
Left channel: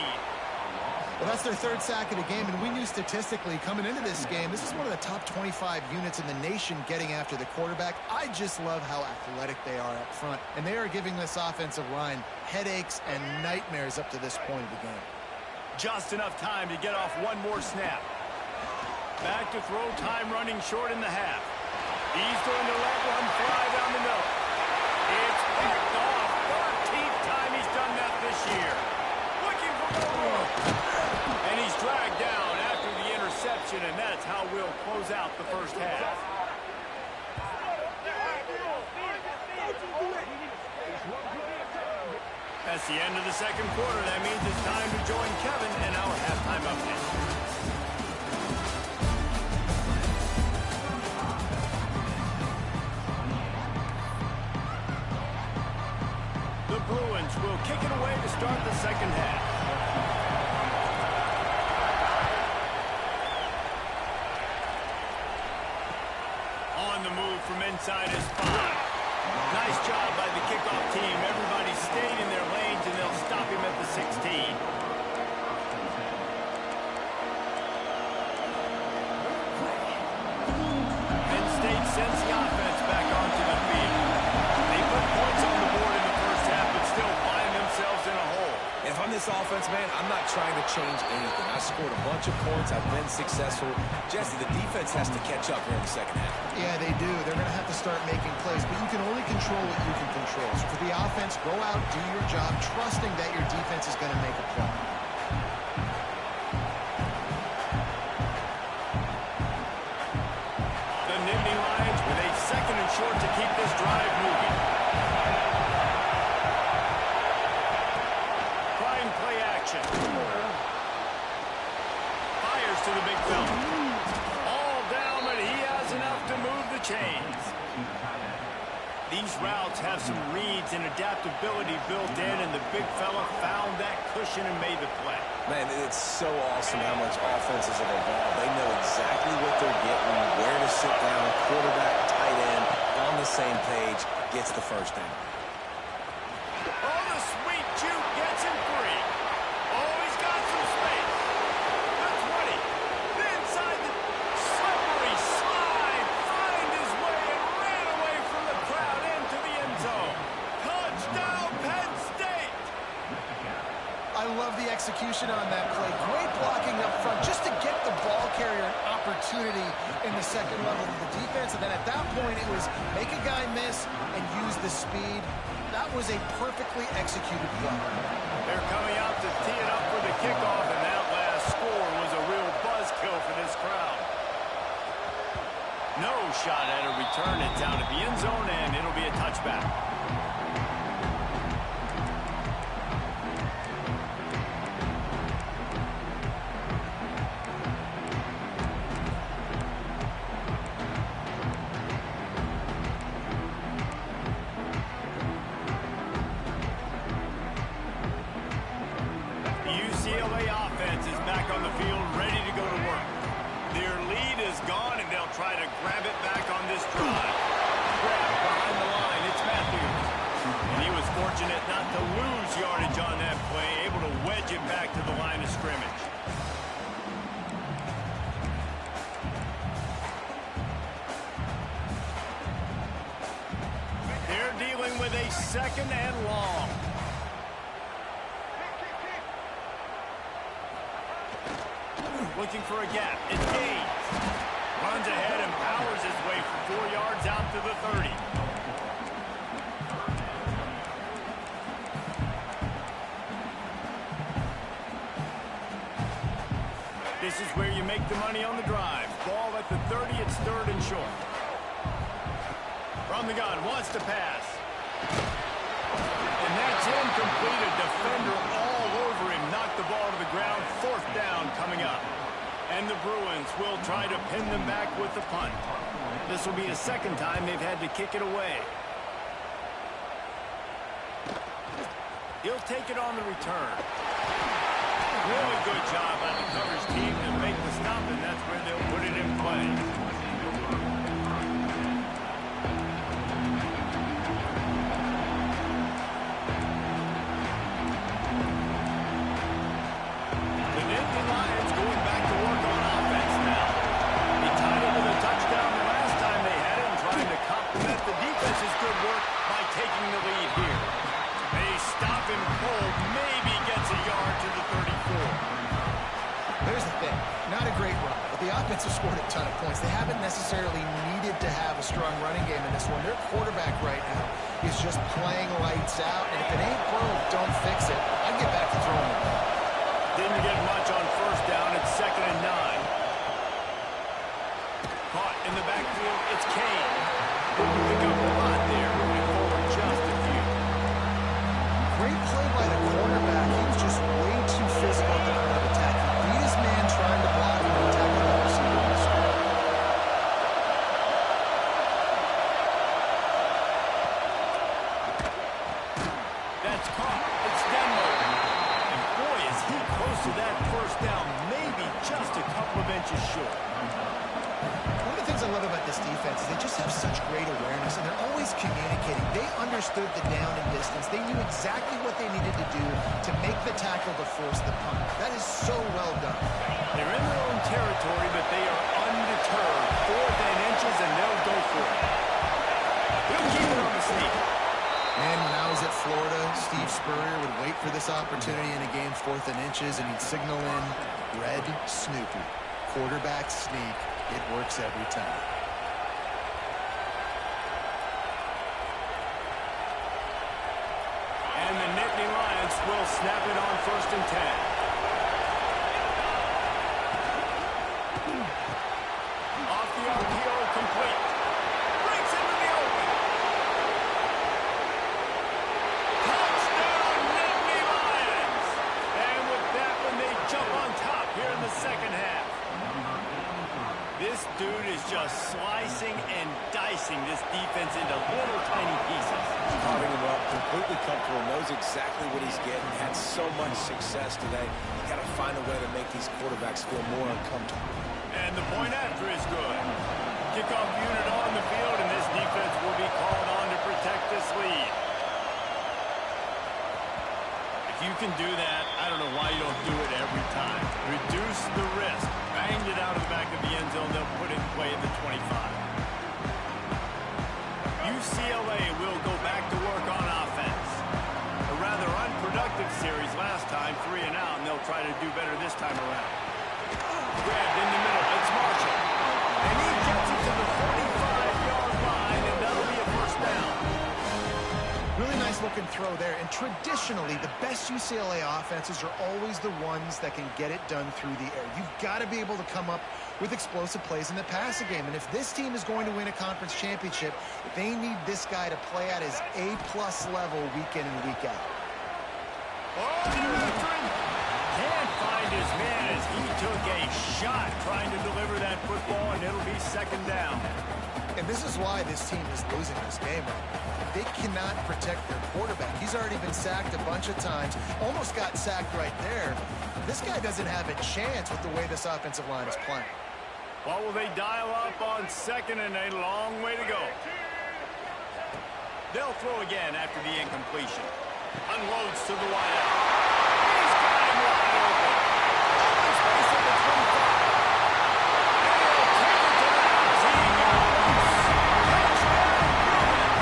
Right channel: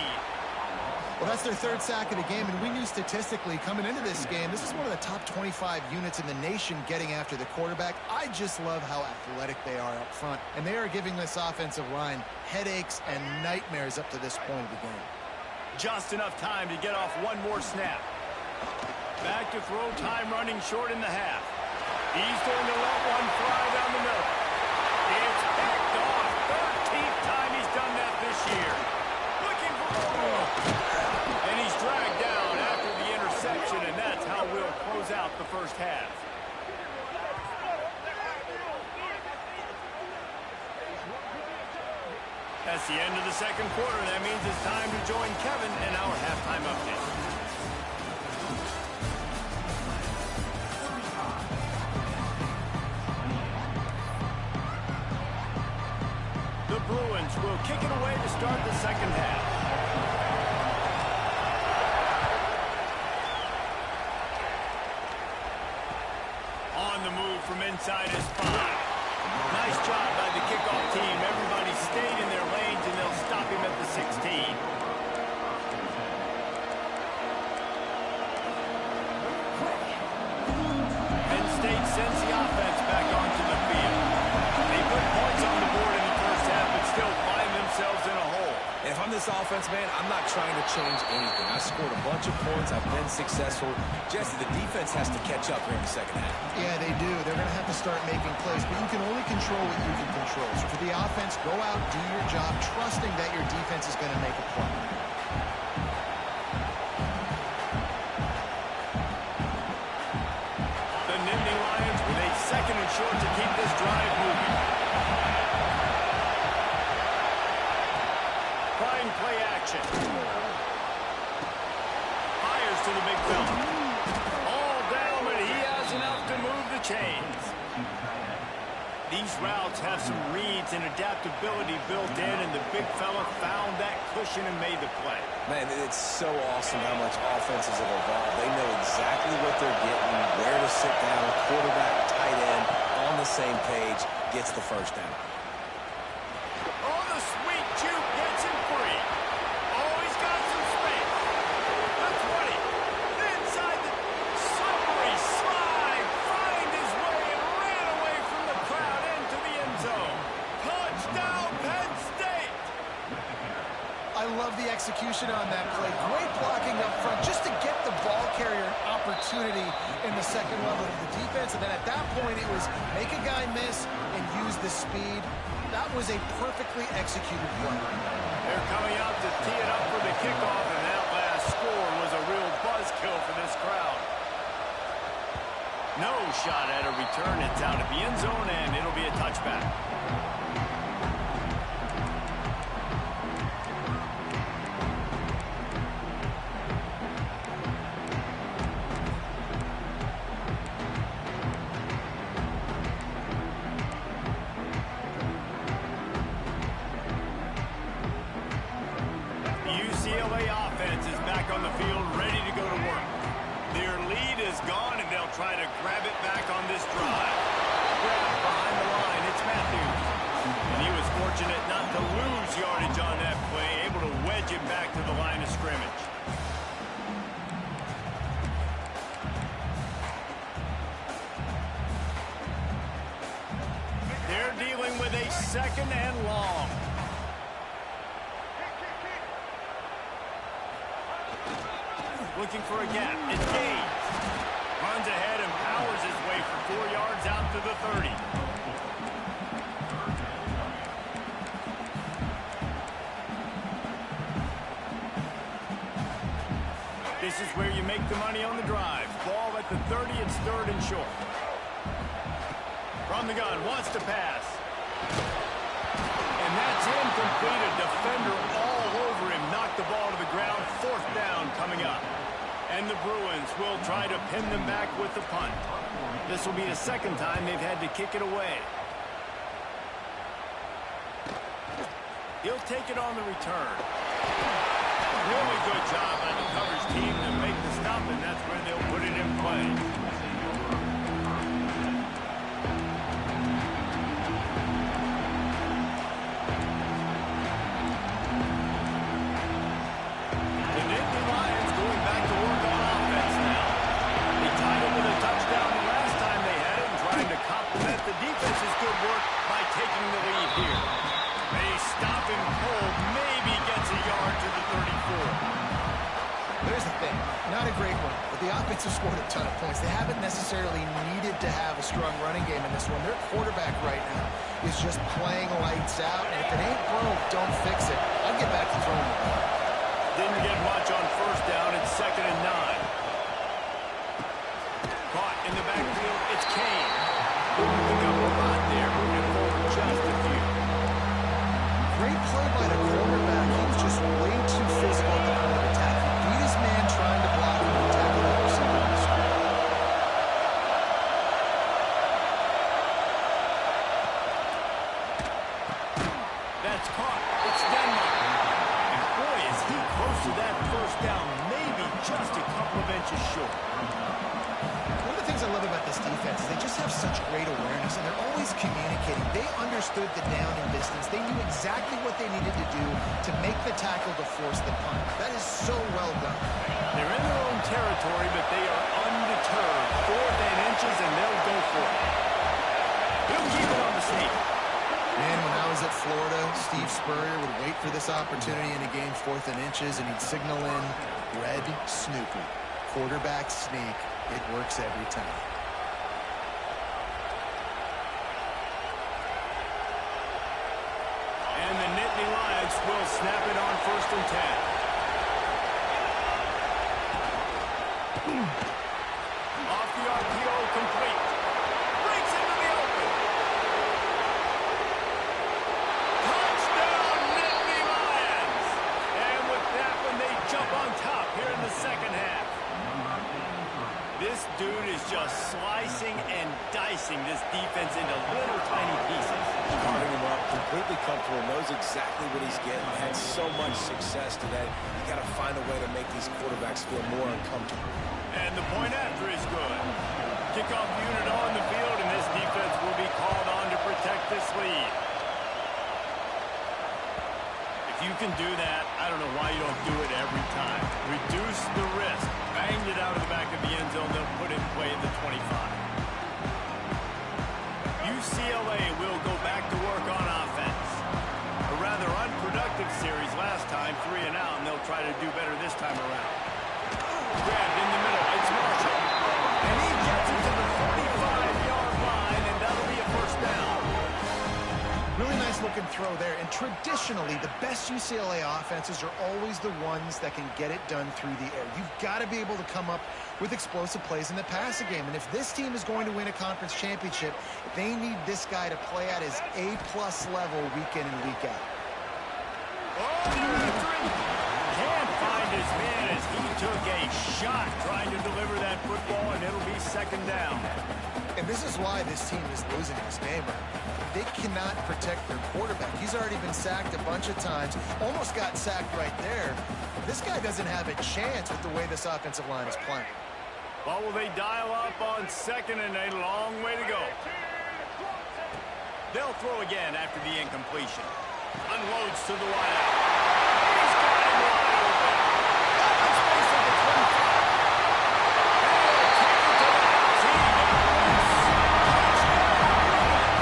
Well, that's their third sack of the game, and we knew statistically coming into this game, this is one of the top 25 units in the nation getting after the quarterback. I just love how athletic they are up front, and they are giving this offensive line headaches and nightmares up to this point of the game. Just enough time to get off one more snap. Back to throw, time running short in the half. He's going to let one fly down the middle. It's picked off. 13th time he's done that this year. Looking for more room. And he's dragged down after the interception, and that's how we'll close out the first half. That's the end of the second quarter. That means it's time to join Kevin and our halftime update. The Bruins will kick it away to start the second half. On the move from inside his 5. Nice job by the kickoff team. Everybody stayed in their lanes, and they'll stop him at the 16. Penn State sends the offense back onto the field. They put points on the board in the first half, but still find themselves in a hole. If I'm this offense, man, I'm not trying to change anything. I scored a bunch of points. I've been successful. Jesse, the defense has to catch up here in the second half. Yeah, they do. They're going to have to start making plays, but you can only control what you can control. So for the offense, go out, do your job, trusting that your defense is going to make a play. The Nittany Lions with a second and short to keep this drive moving. Prime play action. Fires to the big fella. All down, but he has enough to move the chains. These routes have some reads and adaptability built in, and the big fella found that cushion and made the play. Man, it's so awesome how much offenses have evolved. They know exactly what they're getting, where to sit down, quarterback, tight end, on the same page, gets the first down. Oh, the sweet juke gets him free. Oh, he's got some space. The 20. Inside the slippery slide. Find his way and ran away from the crowd into the end zone. Touchdown, Penn State. I love the execution on that play. Great blocking up front just to get the ball carrier an opportunity in the second level of the defense. And then at that point, it was make a guy miss and use the speed. That was a perfectly executed play. They're coming out to tee it up for the kickoff, and that last score was a real buzzkill for this crowd. No shot at a return. It's out of the end zone, and it'll be a touchback. UCLA offense is back on the field, ready to go to work. Their lead is gone, and they'll try to grab it back on this drive. Grab behind the line, it's Matthews. And he was fortunate not to lose yardage on that play, able to wedge it back to the line of scrimmage. in with a 2nd and long. Looking for a gap. It's Gaines. Runs ahead and powers his way for 4 yards out to the 30. This is where you make the money on the drive. Ball at the 30, it's 3rd and short. From the gun, wants to pass. And that's incomplete. A defender all over him. Knocked the ball to the ground. 4th down coming up. And the Bruins will try to pin them back with the punt. This will be the 2nd time they've had to kick it away. He'll take it on the return. Really good job by the coverage team to make the stop, and that's where they'll put it in play. The defense's good work by taking the lead here. They stop him cold, maybe gets a yard to the 34. There's the thing. Not a great run, but the offense has scored a ton of points. They haven't necessarily needed to have a strong running game in this one. Their quarterback right now is just playing lights out, and if it ain't broke, don't fix it. I'd get back to throwing the ball. Didn't get much on 1st down. It's 2nd and 9. Caught in the backfield. It's Kane. Pick up a lot there, moving forward just a few. Great play by the quarterback. He was just way too physical at the point of attack. He beat his man trying to block him and tackle that receiver on the screen. That's caught. It's Denmark. And boy, is he close to that 1st down, maybe just a couple of inches short. One of the things I love about this defense is they just have such great awareness, and they're always communicating. They understood the down and distance. They knew exactly what they needed to do to make the tackle to force the punt. That is so well done. They're in their own territory, but they are undeterred. 4th and inches, and they'll go for it. He'll keep it on the sneak. Man, when I was at Florida, Steve Spurrier would wait for this opportunity in a game 4th and inches, and he'd signal in Red Snoopy. Quarterback sneak. It works every time. And the Nittany Lions will snap it on 1st and 10. Off the RPO, complete. Breaks into the open. Touchdown, Nittany Lions! And with that one, they jump on top here in the 2nd half. This dude is just slicing and dicing this defense into little tiny pieces. Carving him up, completely comfortable, knows exactly what he's getting, had so much success today. You got to find a way to make these quarterbacks feel more uncomfortable. And the point after is good. Kickoff unit on the field, and this defense will be called on to protect this lead. If you can do that, I don't know why you don't do it every time. Reduce the risk. Banged it out of the back of the end zone. They'll put it in play at the 25. UCLA will go back to work on offense. A rather unproductive series last time, 3 and out, and they'll try to do better this time around. Grabbed in the middle. It's Marshall. And he gets it to the 45-yard line, and that'll be a 1st down. Really nice looking throw there. And traditionally, the best UCLA offenses are always the ones that can get it done through the air. You've got to be able to come up with explosive plays in the passing game. And if this team is going to win a conference championship, they need this guy to play at his A-plus level week in and week out. Can't find his man as he took a shot trying to deliver that football, and it'll be 2nd down. And this is why this team is losing this game right now. They cannot protect their quarterback. He's already been sacked a bunch of times. Almost got sacked right there. This guy doesn't have a chance with the way this offensive line is playing. Well, will they dial up on 2nd and a long way to go? They'll throw again after the incompletion. Unloads to the wideout. He's got him wide open. Open space at the 25. And he'll take it to the house. He got loose. Touchdown, Bruins.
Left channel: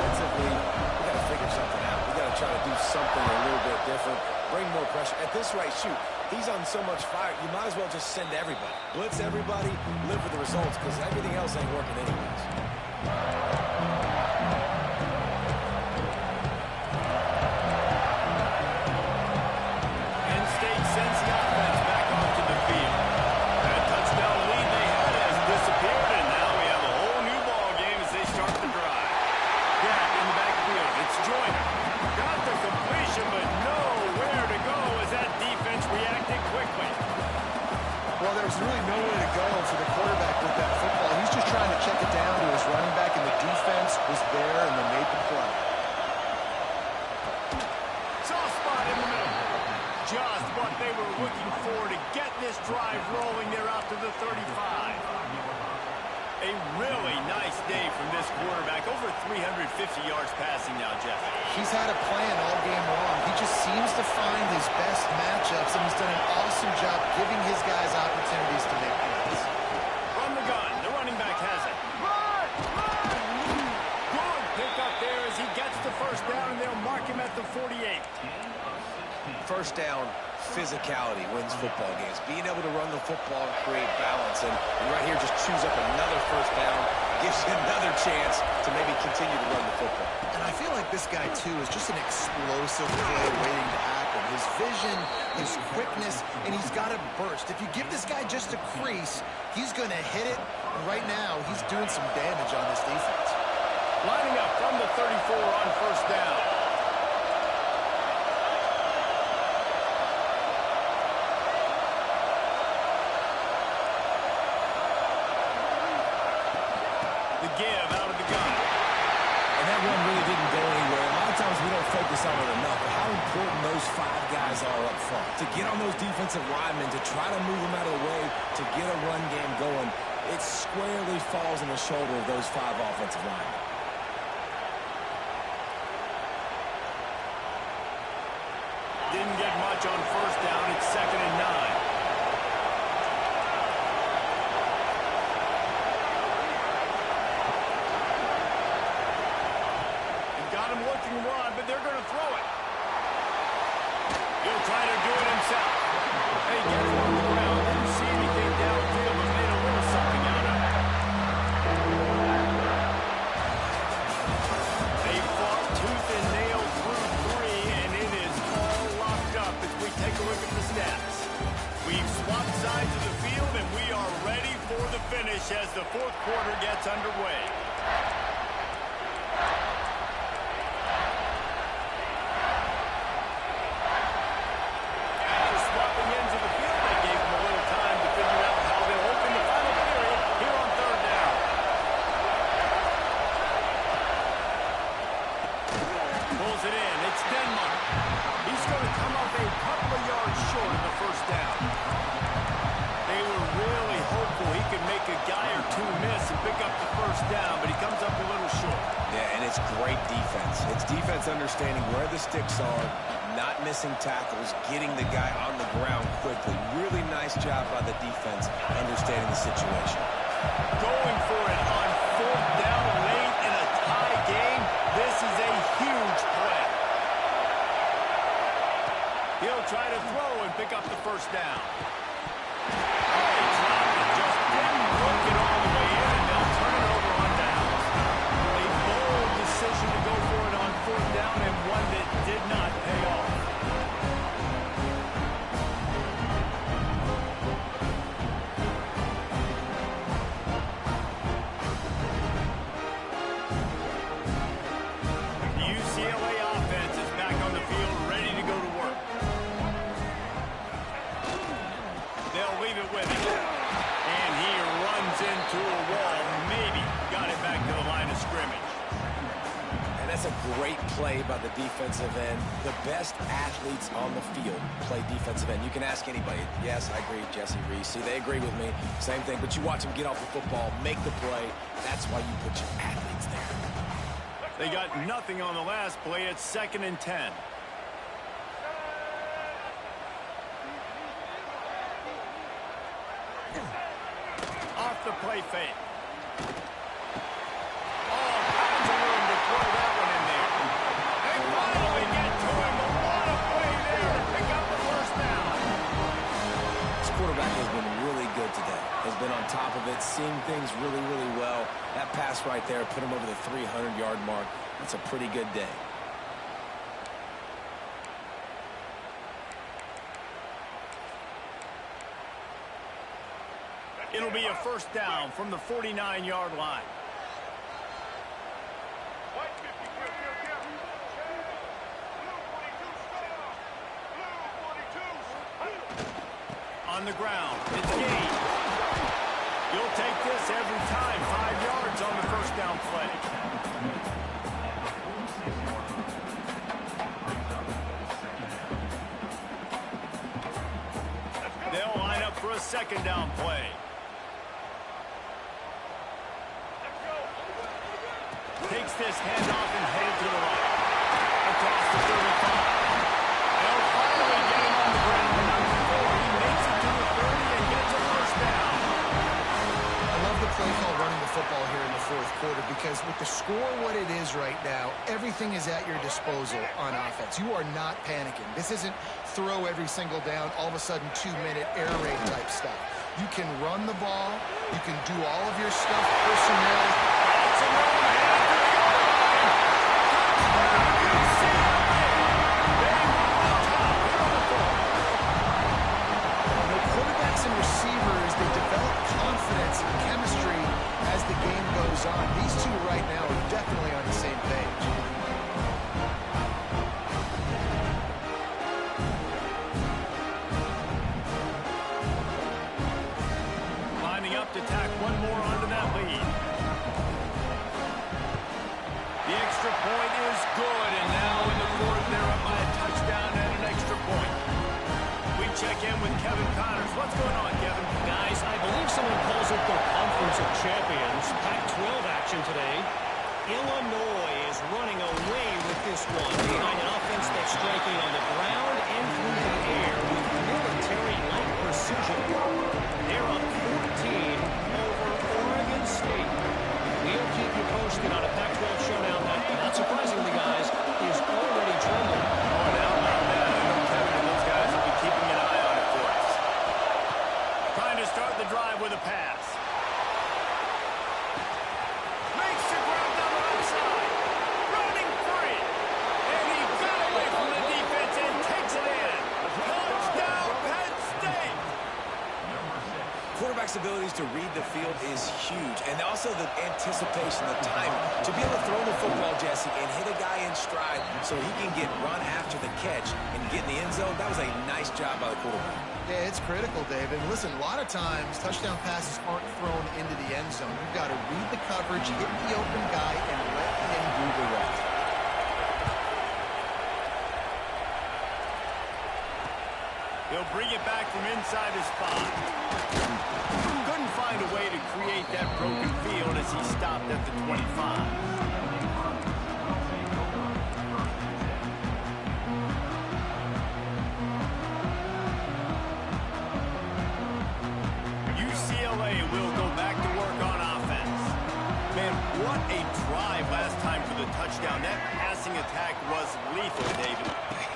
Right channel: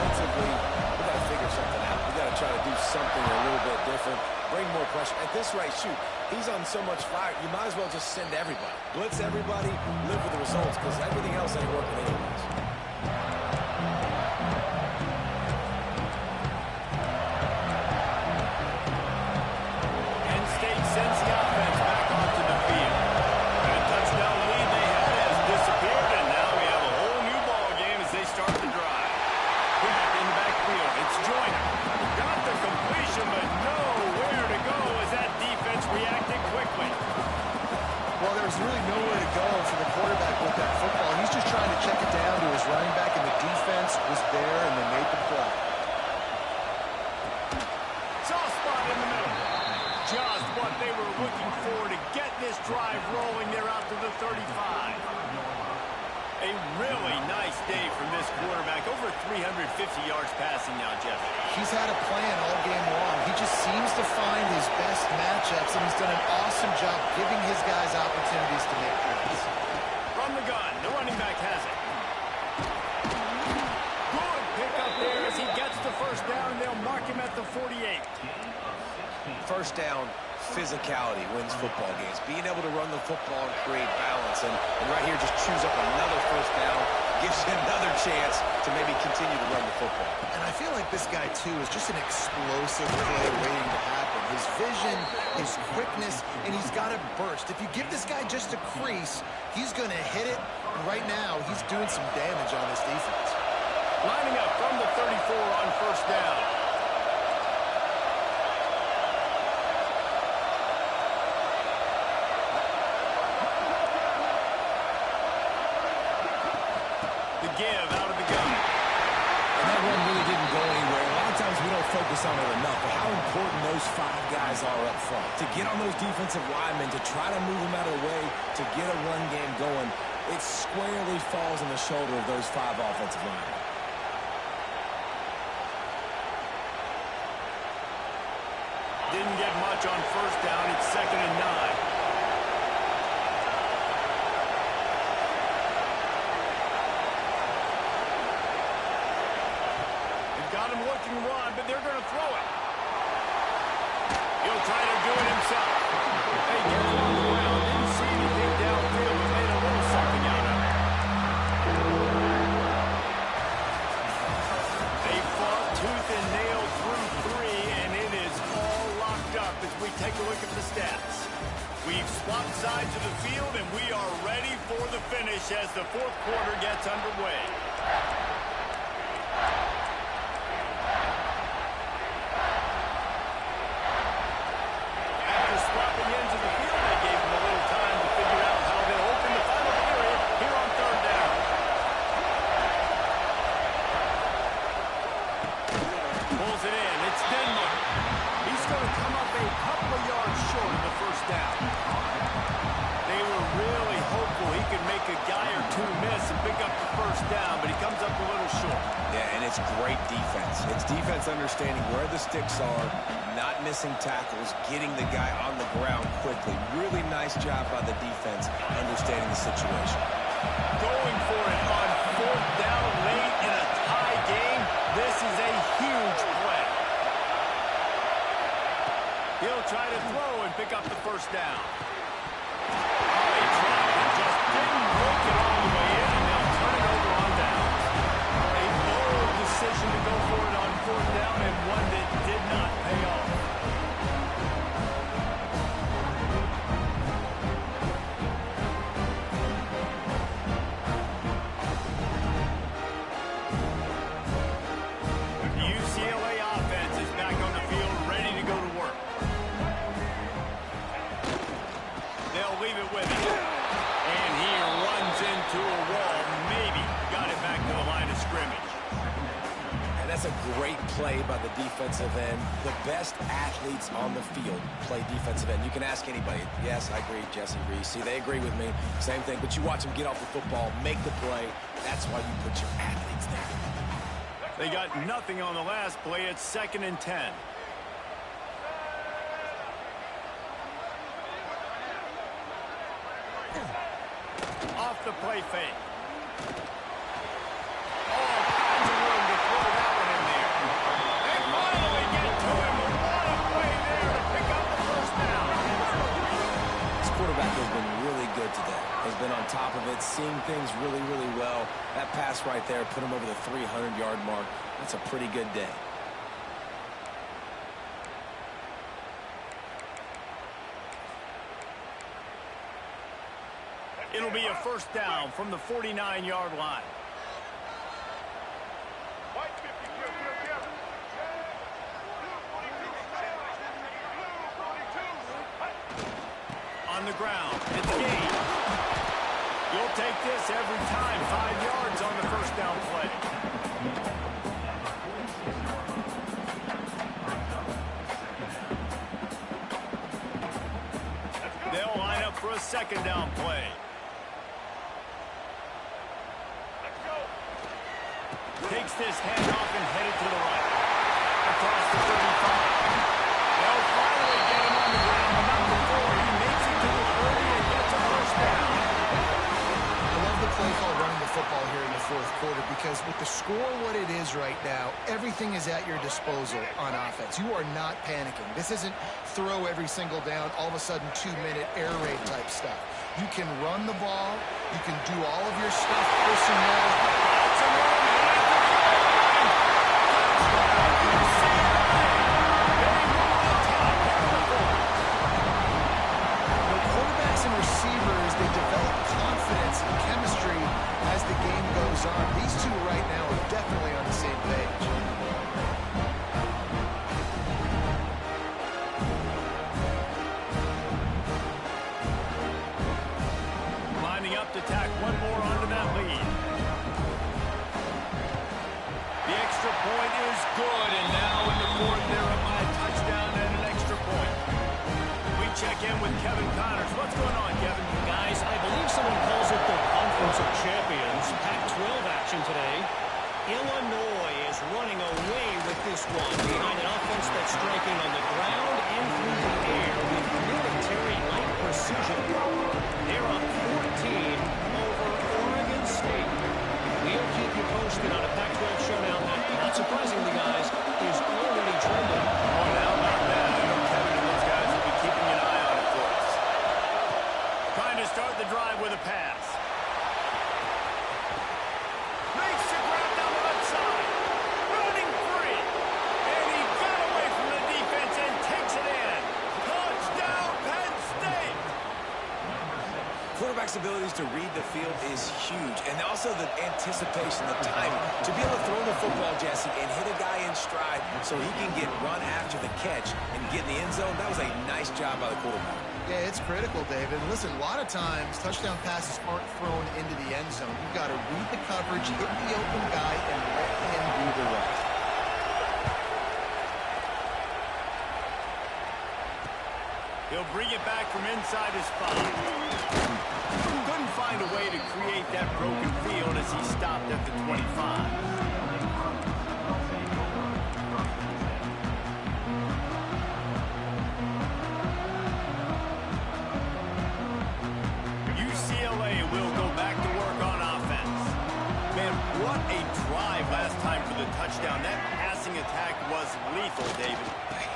offensively, we got to figure something out. We got to try to do something a little bit different, bring more pressure. At this rate, shoot, he's on so much fire, you might as well just send everybody. Blitz everybody, live with the results, because everything else ain't working anyways. Penn State sends the offense back onto the field. That touchdown lead they had has disappeared, and now we have a whole new ball game as they start the drive. Back in the backfield, it's Joyner. Got the completion, but nowhere to go as that defense reacted quickly. Well, there was really nowhere to go for the quarterback with that football. He's just trying to check it down to his running back, and the defense was there, and they made the play. Soft spot in the middle. Just what they were looking for to get this drive rolling. They're out to the 35. A really nice day from this quarterback. Over 350 yards passing now, Jeff. He's had a plan all game long. He just seems to find his best matchups, and he's done an awesome job giving his guys opportunities to make plays. From the gun, the running back has it. Good pick up there as he gets the first down, and they'll mark him at the 48. First down, physicality wins football games. Being able to run the football and create balance. And right here, just choose up another first down. Gives you another chance to maybe continue to run the football. And I feel like this guy, too, is just an explosive play waiting to happen. His vision, his quickness, and he's got a burst. If you give this guy just a crease, he's going to hit it. And right now, he's doing some damage on this defense. Lining up from the 34 on first down. The give out of the gun. And that run really didn't go anywhere. A lot of times we don't focus on it enough, but how important those five guys are up front. To get on those defensive linemen, to try to move them out of the way, to get a run game going, it squarely falls on the shoulder of those five offensive linemen. Didn't get much on first down. It's 2nd and 9. Got him looking run, but they're going to throw it. He'll try to do it himself. They get him on the ground. Didn't see anything downfield, but made a little something out of it. They fought tooth and nail through 3, and it is all locked up as we take a look at the stats. We've swapped sides of the field, and we are ready for the finish as the fourth quarter gets underway. Swapping into the field, they gave him a little time to figure out how they'll open the final period here on third down. Pulls it in. It's Denmark. He's going to come up a couple of yards short of the first down. They were really hopeful he could make a guy or two miss and pick up the first down, but he comes up a little short. Yeah, and it's great defense. It's defense understanding where the sticks are, not missing tackles, getting the guy on the ground quickly. Really nice job by the defense understanding the situation. Going for it on fourth down late in a tie game. This is a huge play. He'll try to throw and pick up the first down. Oh, he dropped it. Just didn't work it all the way in, and they'll turn it over on downs. A bold decision to go for it on fourth down, and one that did not pay off. The UCLA offense is back on the field, ready to go to work. They'll leave it with him. And he runs into a wall. Maybe got it back to the line of scrimmage. And that's a great play by the defensive end. The best athletes on the field play defensive end. You can ask anybody. Yes, I agree, Jesse Reese. See, they agree with me. Same thing. But you watch them get off the football, make the play. That's why you put your athletes there. They got nothing on the last play. It's 2nd and 10. Off the play fake. All kinds of room to throw that has been really good today. Has been on top of it, seeing things really, really well. That pass right there put him over the 300-yard mark. That's a pretty good day. It'll be a first down from the 49-yard line. On the ground, it's gained. You'll take this every time. 5 yards on the first down play. They'll line up for a second down play. Takes this handoff and headed to the right. Across the 35. They'll finally get him on the ground, but not before he makes it to the 30 and gets a first down. I love the play call running the football here in the fourth quarter because with the score what it is right now, everything is at your disposal on offense. You are not panicking. This isn't throw every single down, all of a sudden 2-minute air raid type stuff. You can run the ball. You can do all of your stuff, personnel. Got some room. And receivers, they develop confidence and chemistry as the game goes on. These two right now are definitely on the same page. Lining up to tack one more onto that lead. The extra point is good, and now in the fourth, they're up by a touchdown and an extra point. Check in with Kevin Connors. What's going on, Kevin? Guys, I believe someone calls it the Conference of Champions. Pac-12 action today. Illinois is running away with this one behind an offense that's striking on the ground and through the air with military-like precision. They're up 14 over Oregon State. We'll keep you posted on a Pac-12 showdown that, not surprisingly, guys, is already trending. Oh, now about that. I know Kevin and those guys will be keeping an eye on it for us. Trying to start the drive with a pass. Makes the grab down the left side. Running free. And he got away from the defense and takes it in. Touchdown, Penn State. Quarterback's abilities to read the field is huge, and also the anticipation, the timing. To be able to throw the football, Jesse, and hit a guy in stride so he can get run after the catch and get in the end zone, that was a nice job by the quarterback. Yeah, it's critical, David. Listen, a lot of times, touchdown passes aren't thrown into the end zone. You've got to read the coverage, hit the open guy, and let him do the rest. He'll bring it back from inside his spot. Couldn't find a way to create that broken field as he stopped at the 25. UCLA will go back to work on offense. Man, what a drive last time for the touchdown. That passing attack was lethal, David.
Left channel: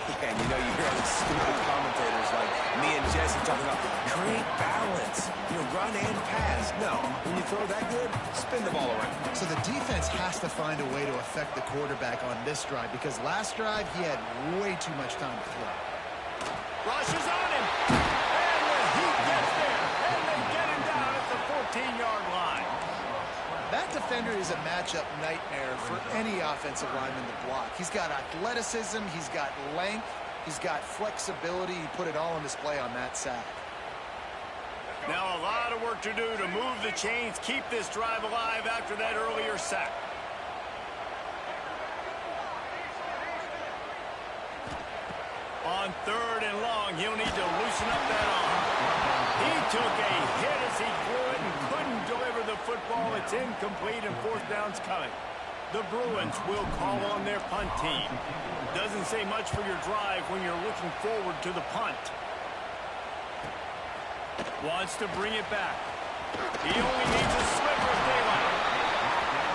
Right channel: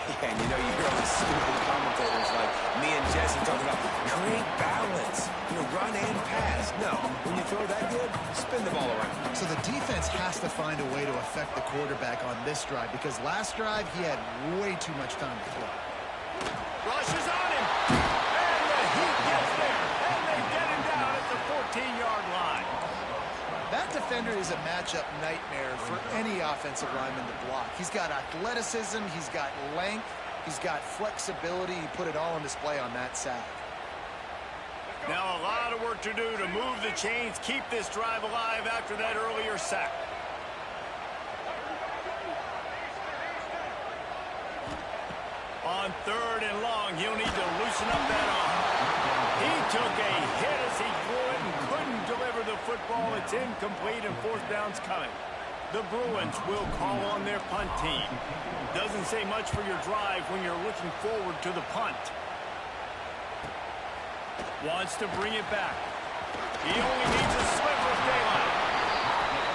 Yeah, and you know, you hear all these stupid commentators like me and Jesse talking about great balance. You know, run and pass. No, when you throw that good, spin the ball around. So the defense has to find a way to affect the quarterback on this drive because last drive he had way too much time to throw. Rushes on him. And the Heat gets there. And they get him down at the 14-yard line. That defender is a matchup nightmare for any offensive lineman to block. He's got athleticism, he's got length, he's got flexibility. He put it all on display on that sack. Now a lot of work to do to move the chains, keep this drive alive after that earlier sack. On 3rd and long, he'll need to loosen up that arm. He took a hit as he threw it and couldn't deliver the football. It's incomplete and 4th down's coming. The Bruins will call on their punt team. Doesn't say much for your drive when you're looking forward to the punt. Wants to bring it back. He only needs a sliver of daylight.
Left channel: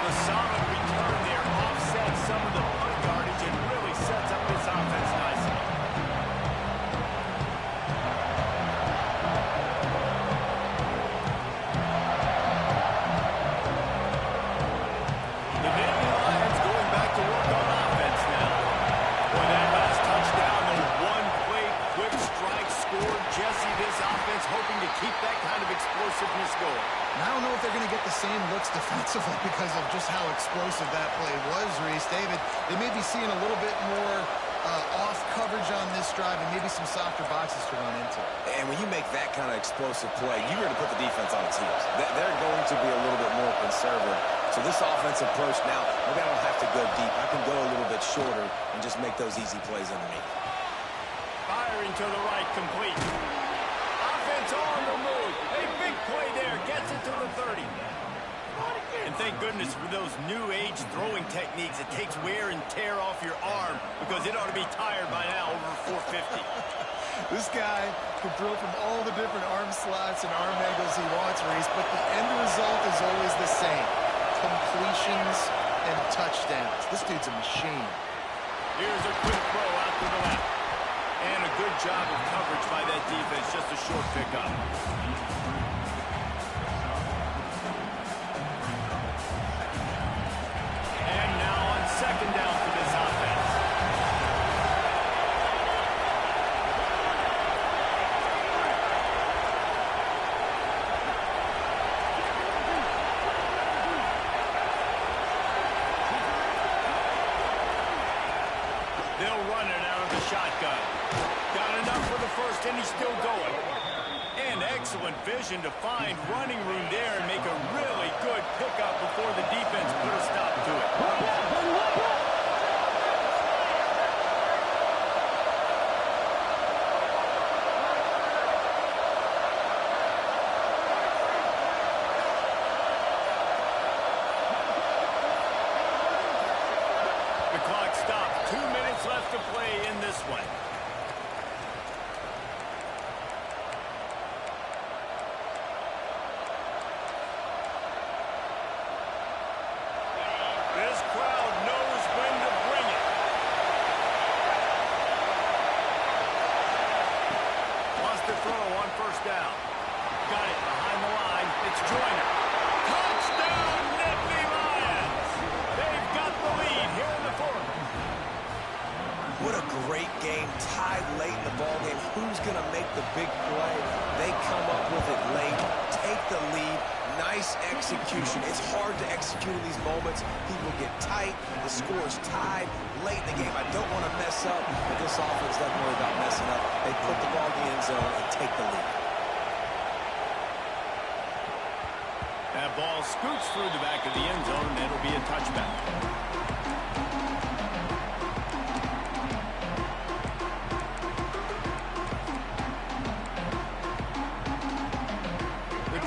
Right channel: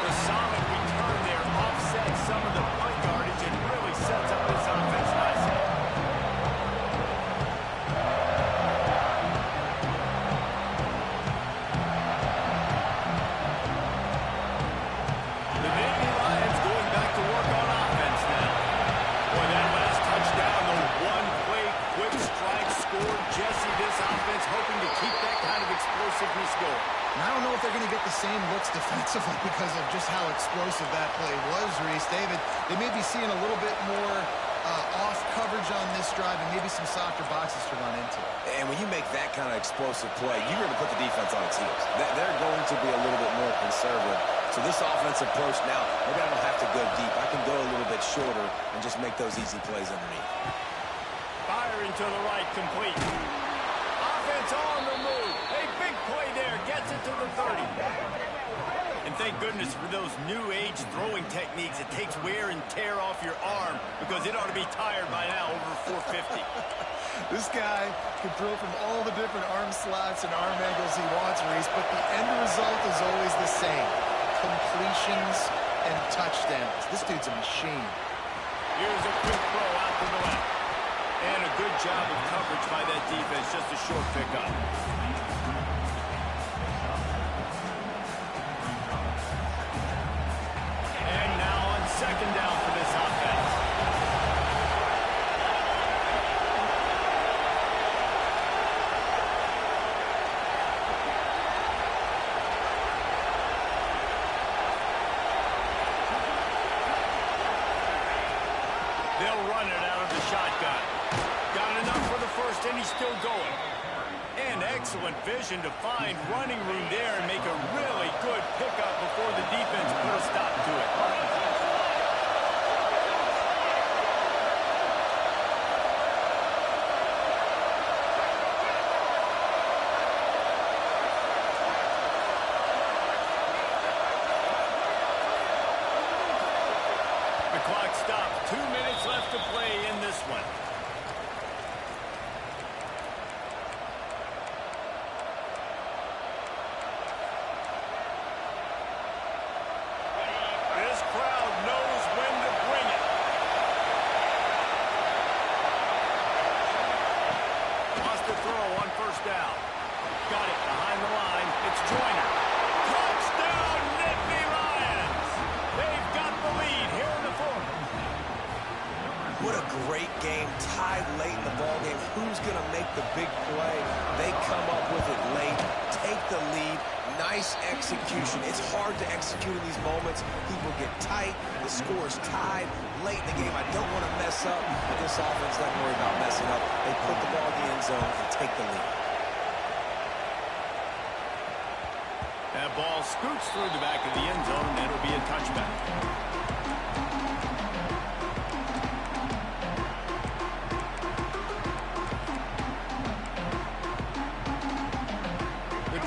The solid return there offsets some of the punt yardage and really sets up this offense nicely. explosiveness going. And I don't know if they're going to get the same looks defensively because of just how explosive that play was, Reese. David, they may be seeing a little bit more off coverage on this drive and maybe some softer boxes to run into. And when you make that kind of explosive play, you're going to put the defense on its heels. They're going to be a little bit more conservative. So this offensive approach now, maybe I don't have to go deep. I can go a little bit shorter and just make those easy plays underneath. Firing to the right, complete. Offense on the move. A big play there. Gets it to the 30. And thank goodness for those new age throwing techniques. It takes wear and tear off your arm because it ought to be tired by now over 450. This guy can throw from all the different arm slots and arm angles he wants, Reese, but the end result is always the same. Completions and touchdowns. This dude's a machine. Here's a quick throw out to the left. And a good job of coverage by that defense. Just a short pickup. And now on second down for this offense. They'll run it out of the shotgun. Got enough for the first, and he's still going. And excellent vision to find running room there and make a really good pickup before the defense put a stop to it. The clock stops. 2 minutes left to play in this one. This crowd knows when to bring it. Wants to throw on first down. Got it behind the line. It's Joyner. Touchdown, Nittany Lions! They've got the lead here in the fourth. What a great game, tied late in the ballgame. Who's going to make the big play? They come up with it late, take the lead. Nice execution. It's hard to execute in these moments. People get tight. The score's tied late in the game. I don't want to mess up, but this offense doesn't worry about messing up. They put the ball in the end zone and take the lead. That ball scoots through the back of the end zone, and it'll be a touchback.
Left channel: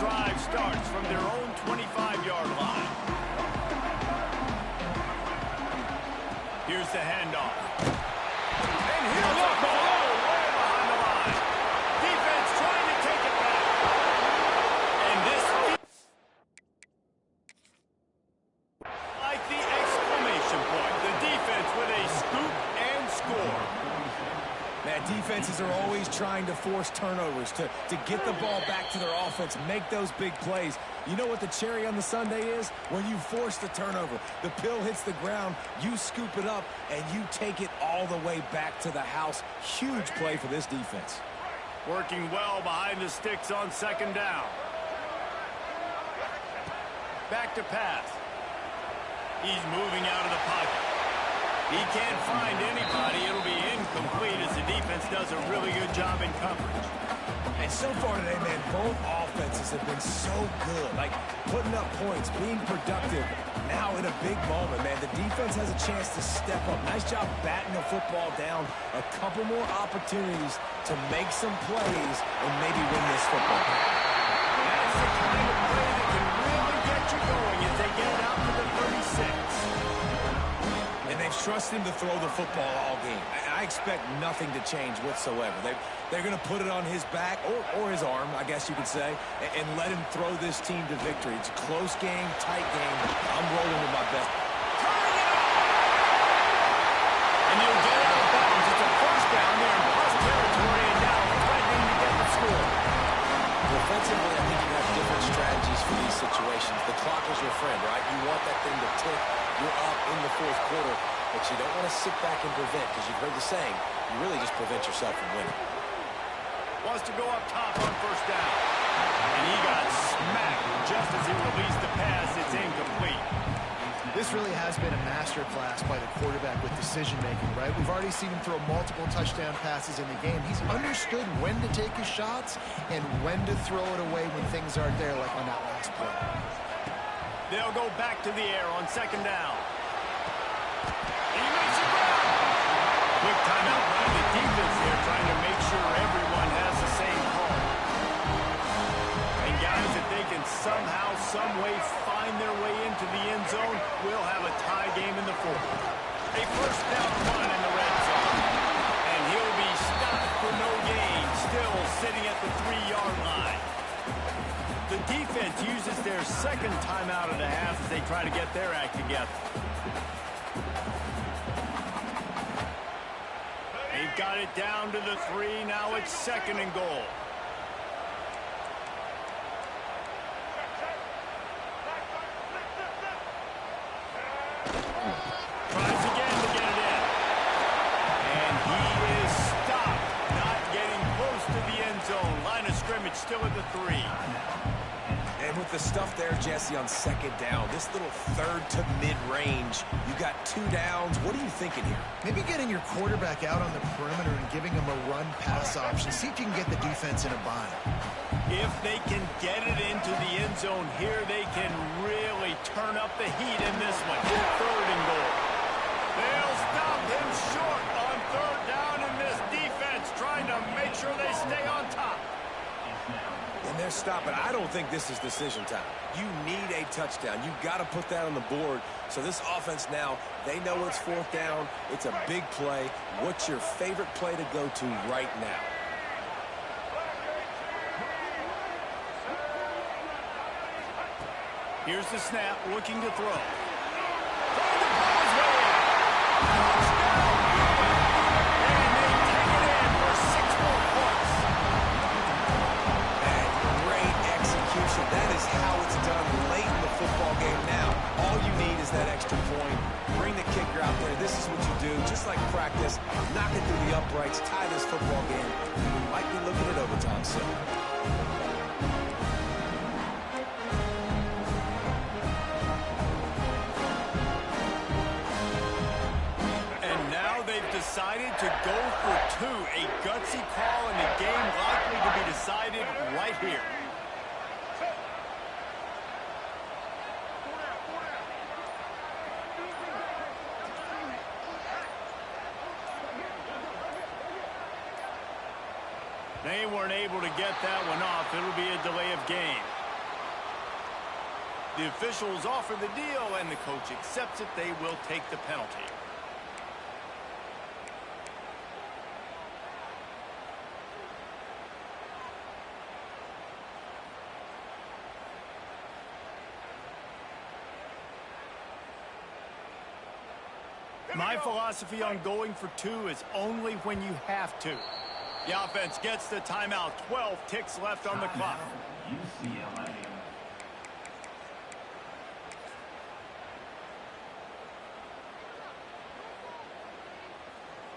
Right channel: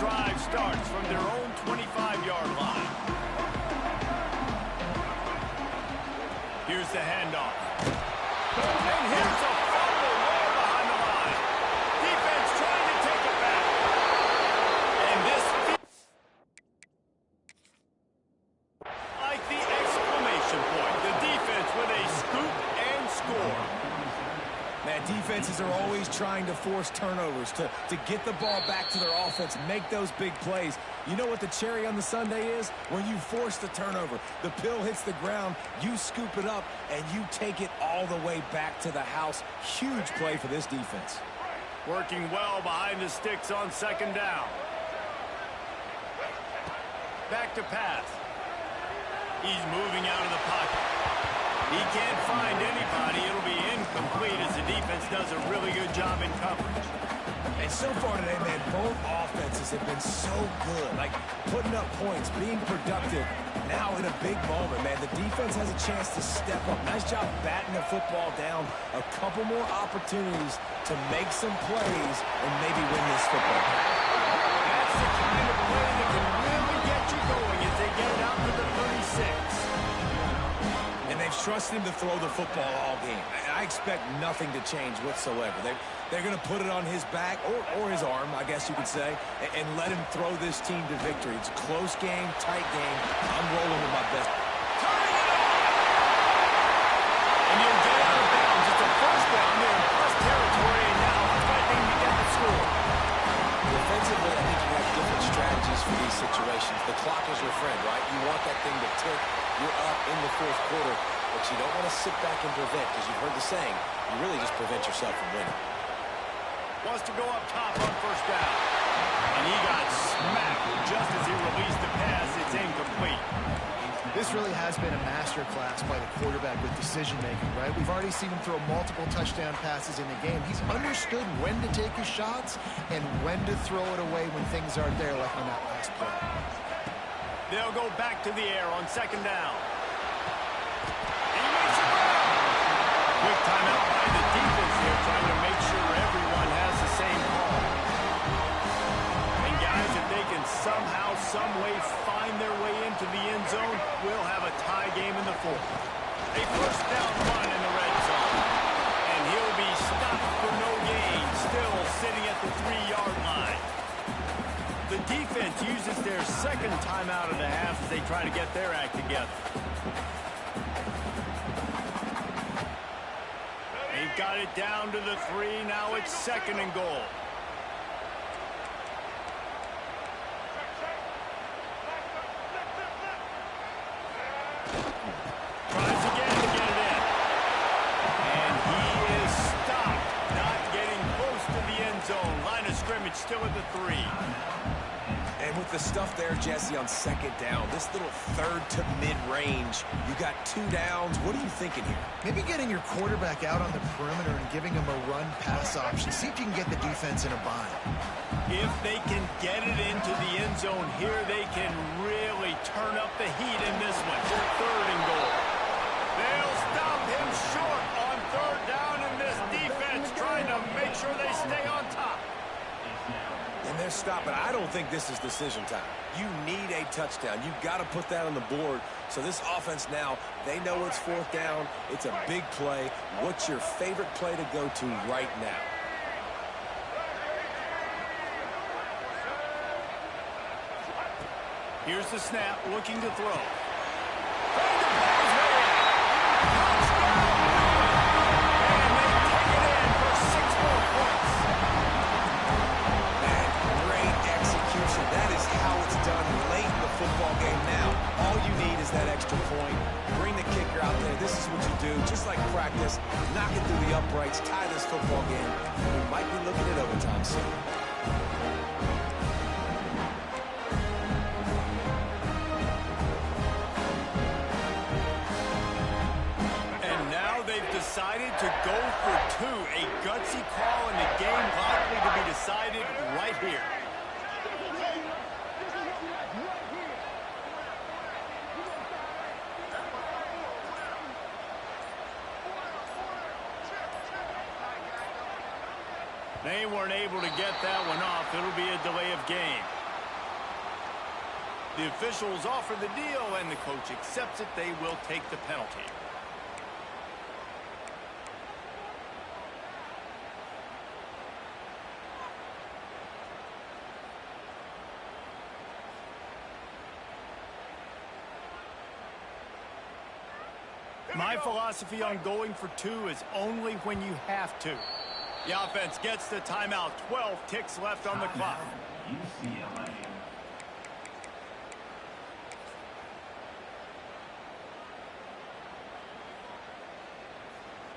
Drive starts from their own 25-yard line. Here's the handoff. And here's a fumble way behind the line. Defense trying to take it back. And this like the exclamation point. The defense with a scoop and score. Man, defenses are always trying to force turnovers, to get the ball back to their offense, make those big plays. You know what the cherry on the sundae is? When you force the turnover, the pill hits the ground, you scoop it up, and you take it all the way back to the house. Huge play for this defense. Working well behind the sticks on second down. Back to pass. He's moving out of the pocket. He can't find anybody. It'll be incomplete as the defense does a really good job in coverage. And so far today, man, both offenses have been so good. Like, putting up points, being productive. Now in a big moment, man, the defense has a chance to step up. Nice job batting the football down. A couple more opportunities to make some plays and maybe win this football game. That's the kind of play that can really get you going as they get it out to the 36. And they've trusted him to throw the football all game. I expect nothing to change whatsoever. They're going to put it on his back, or his arm, I guess you could say, and let him throw this team to victory. It's a close game, tight game. I'm rolling with my best. Turning it on! And he'll get out of bounds. It's a first down there in plus territory, and now threatening to get the score. Defensively, I think you have different strategies for these situations. The clock is your friend, right? You want that thing to tick. You're up in the fourth quarter, but you don't want to sit back and prevent, because you've heard the saying, you really just prevent yourself from winning. Wants to go up top on first down. And he got smacked just as he released the pass. It's incomplete. This really has been a masterclass by the quarterback with decision-making, right? We've already seen him throw multiple touchdown passes in the game. He's understood when to take his shots and when to throw it away when things aren't there, like on that last play. They'll go back to the air on second down. He makes the grab. Quick timeout by the defense here, trying to make sure everyone has the same call. And guys, if they can somehow, some way find their way into the end zone, we'll have a tie game in the fourth. A first down run in the red zone. And he'll be stopped for no gain, still sitting at the 3-yard line. The defense uses their second timeout of the half as they try to get their act together. They've got it down to the 3. Now it's second and goal. Tries again to get it in. And he is stopped, not getting close to the end zone. Line of scrimmage still at the 3. And with the stuff there, Jesse, on second down, this little third to mid-range, you got 2 downs. What are you thinking here? Maybe getting your quarterback out on the perimeter and giving him a run-pass option. See if you can get the defense in a bind. If they can get it into the end zone here, they can really turn up the heat in this one. Third and goal. They'll stop him short on third down, and this defense trying to make sure they stay on top. And they're stopping. I don't think this is decision time. You need a touchdown. You've got to put that on the board. So this offense now, they know it's fourth down. It's a big play. What's your favorite play to go to right now? Here's the snap, looking to throw. Trying to pull his way in. Touchdown! And they take it in for 6 more points. Man, great execution. That is how it's done late in the football game now. All you need is that extra point. Bring the kicker out there. This is what you do. Just like practice, knock it through the uprights, tie this football game, and we might be looking at overtime soon. They've decided to go for 2. A gutsy call, and the game likely to be decided right here. They weren't able to get that one off. It'll be a delay of game. The officials offer the deal, and the coach accepts it. They will take the penalty. My philosophy on going for 2 is only when you have to. The offense gets the timeout. 12 ticks left on the clock. UCLA.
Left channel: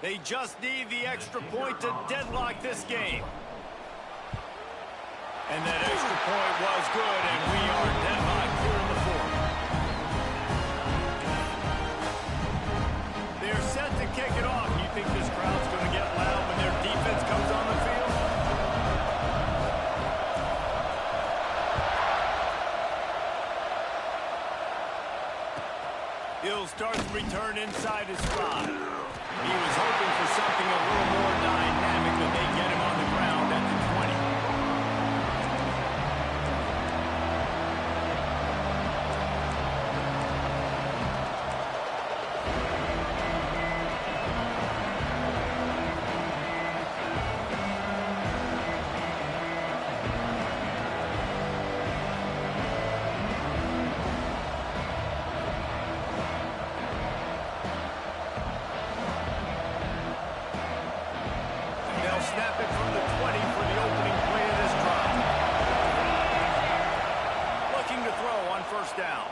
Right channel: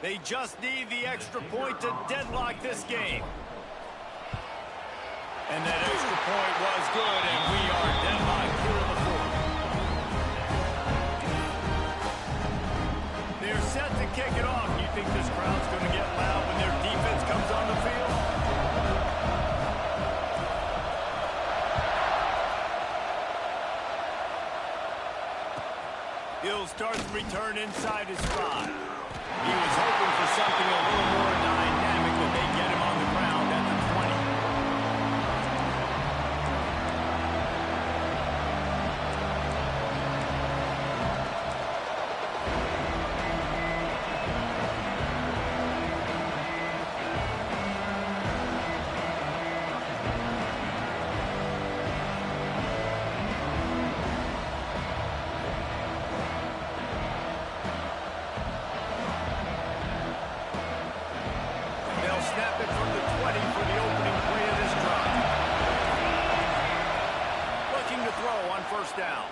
They just need the extra point to deadlock this game. And that extra point was good, and we are deadlocked here in the fourth. They're set to kick it off. You think this crowd's going to get loud when their defense comes on the field? He'll start the return inside his 5. He was hoping for something a little more dynamic, but they get him on the ground at the 20. Snap it from the 20 for the opening play of this drive. Looking to throw on first down.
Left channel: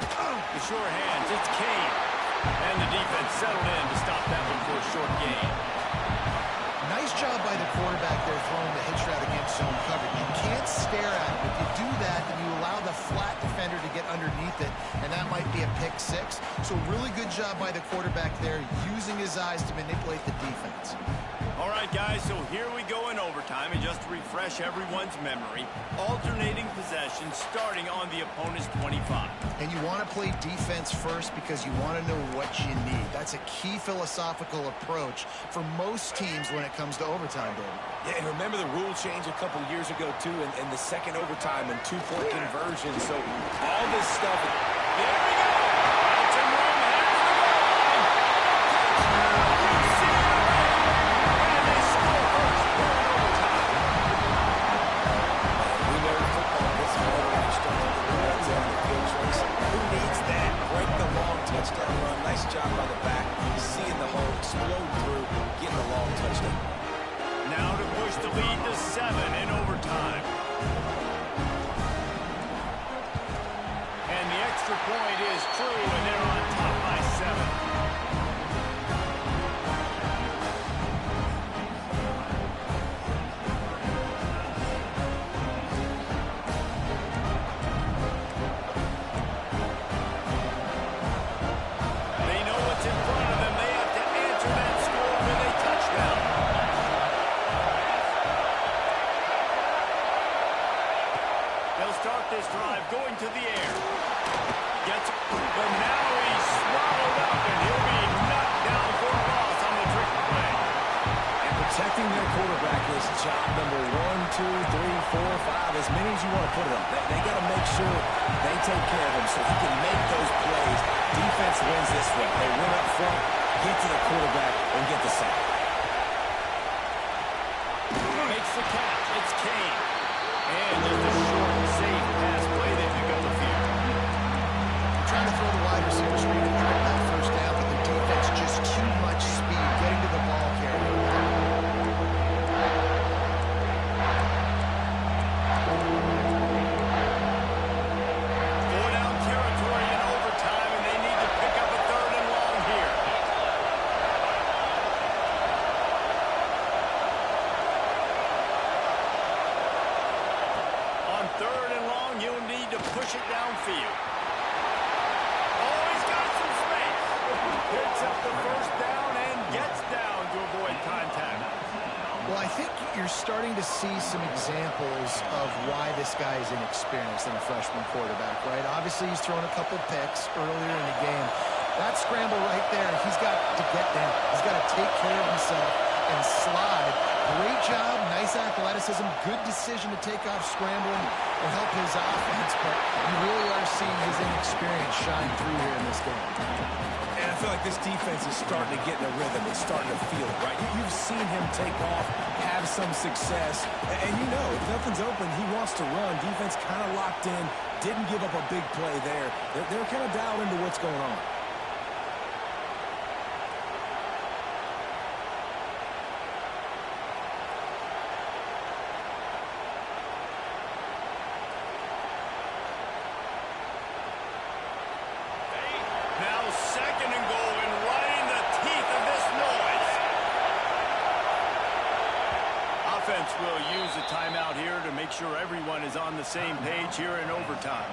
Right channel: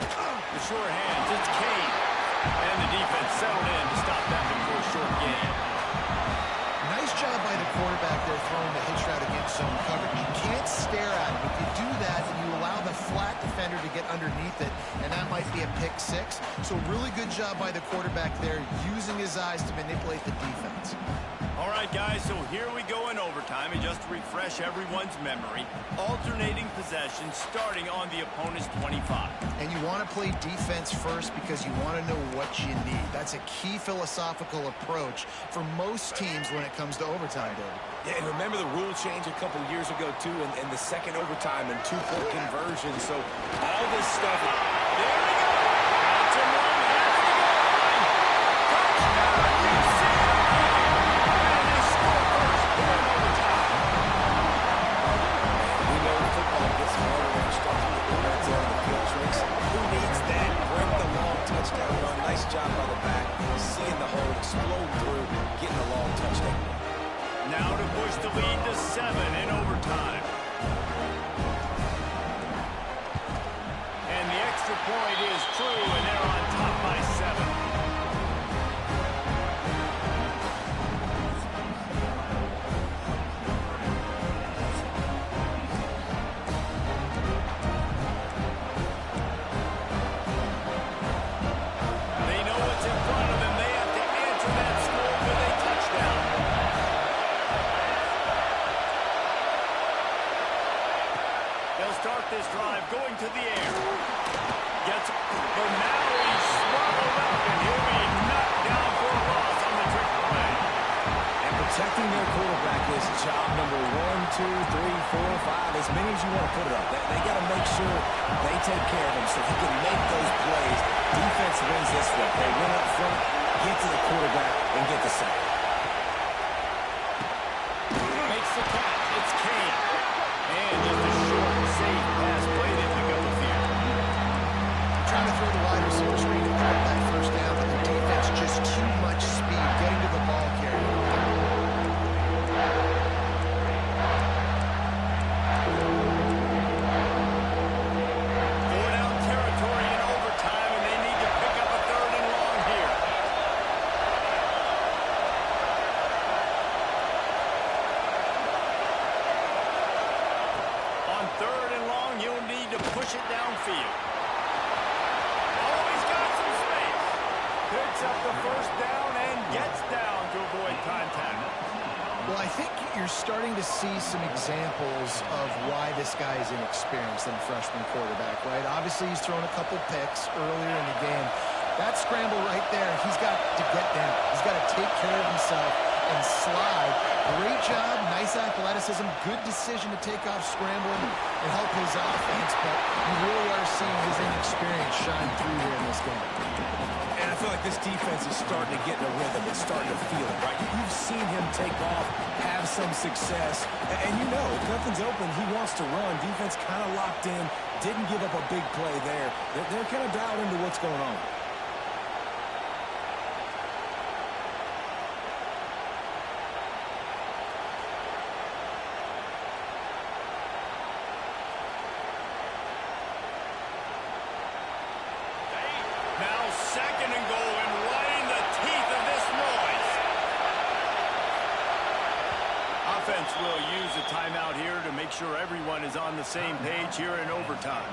The sure hands, it's Kane. And the defense settled in to stop that one for a short gain. Nice job by the quarterback there throwing the hitch route against zone coverage. You can't stare at him. If you do that, then you allow the flat defender to get underneath it, and that might be a pick six. So really good job by the quarterback there, using his eyes to manipulate the defense. All right, guys, so here we go in overtime, and just to refresh everyone's memory, alternating possession starting on the opponent's 25. And you want to play defense first because you want to know what you need. That's a key philosophical approach for most teams when it comes to overtime, David. Yeah, and remember the rule change a couple years ago, too, and the second overtime and two-point conversion. So all this stuff. There we go. That's him wrong, headed to the goal line. Touchdown, UCLA. And they score first here in overtime. And we know football gets harder when you start to get the red zone of the field choice. Who needs that? Break the long touchdown run. Nice job by the back. Seeing the hole, explode through, getting the long touchdown. Now to push the lead to 7 in overtime. And the extra point is true, and they're on top by 7. They know what's in front of them. They have to answer that score with a touchdown. They'll start this drive going to the air. But now he's swallowed up, and he'll be knocked down for a loss on the trick play. And protecting their quarterback is job number 1, 2, 3, 4, 5, as many as you want to put it up. They got to make sure they take care of him so he can make those plays. Defense wins this one. They win up front, get to the quarterback, and get the sack. Makes the catch. It's Kane. And just a short, safe pass play. They pick up a few. Trying to throw the wide receiver screen and drop that first down, but the defense just too much speed getting to the ball carrier. Four down territory in overtime, and they need to pick up a 3rd and long here. On 3rd and long, he'll need to push it downfield. Oh, he's got some space. Picks up the first down and gets down to avoid contact. Well, I think you're starting to see some examples of why this guy is inexperienced in a freshman quarterback, right? Obviously, he's thrown a couple picks earlier in the game. That scramble right there, he's got to get down. He's got to take care of himself and slide. Great job, nice athleticism, good decision to take off scrambling and help his offense, but you really are seeing his inexperience shine through here in this game. And I feel like this defense is starting to get in a rhythm. It's starting to feel it, right? You've seen him take off, have some success, and you know, if nothing's open, he wants to run. Defense kind of locked in, didn't give up a big play there. They're kind of dialed into what's going on. Now 2nd and goal, and right in the teeth of this noise. Offense will use a timeout here to make sure everyone is on the same page here in overtime.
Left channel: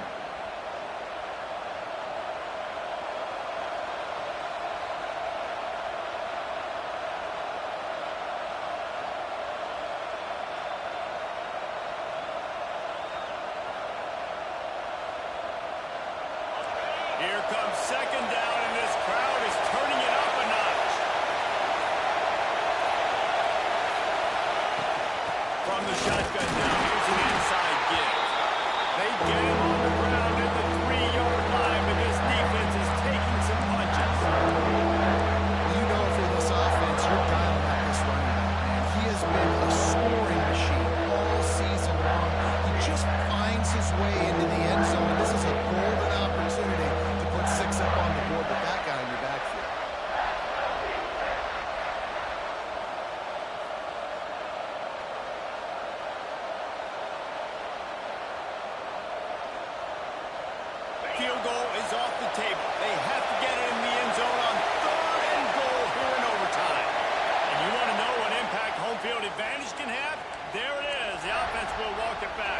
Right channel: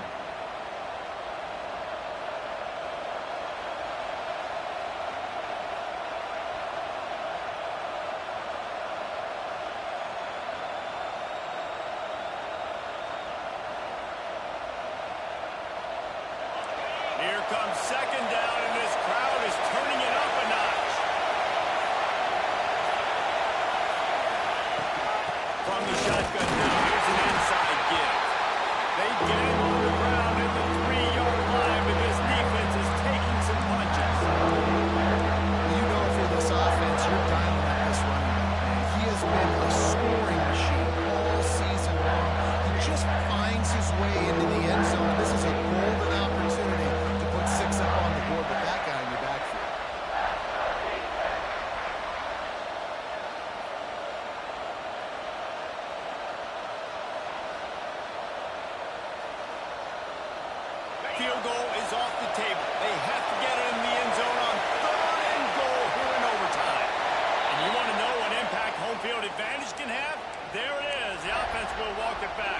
Here comes 2nd down, and this crowd is turning it up a notch. From the shotgun now, here's an inside give. They get him on the ground at the 3-yard line, but this defense is taking some punches. You know, for this offense, you're dialing up this running back, man. He has been a scoring machine all season long. He just finds his way into the end zone, and this is a golden opportunity to put 6 up on the board with that guy in your backfield. Field goal is off the table. They have to get it in the end zone on 3rd and goal here in overtime. And you want to know what impact home field advantage can have? There it is. The offense will walk it back.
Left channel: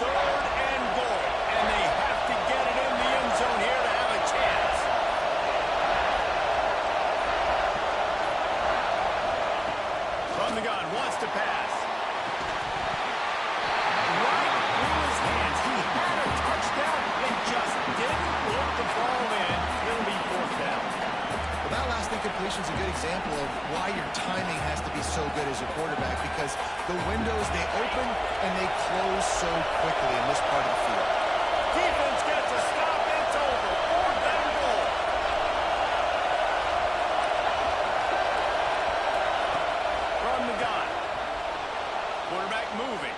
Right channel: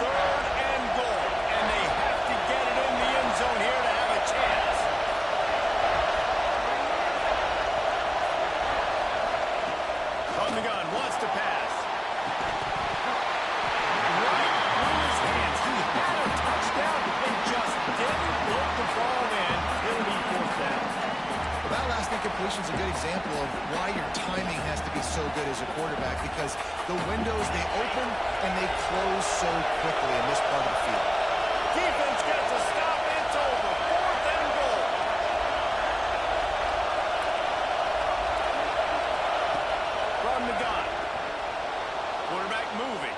Third and goal. And they have to get it in the end zone here to have a chance. From the gun, wants to pass. Right through his hands. He had a touchdown and just didn't put the ball in. It'll be fourth down. Well, that last incompletion is a good example of why your timing has to be so good as a quarterback, because the windows, they open and they close so quickly in this part of the field. Defense gets a stop. It's over. Fourth and goal. From the gun. Quarterback moving.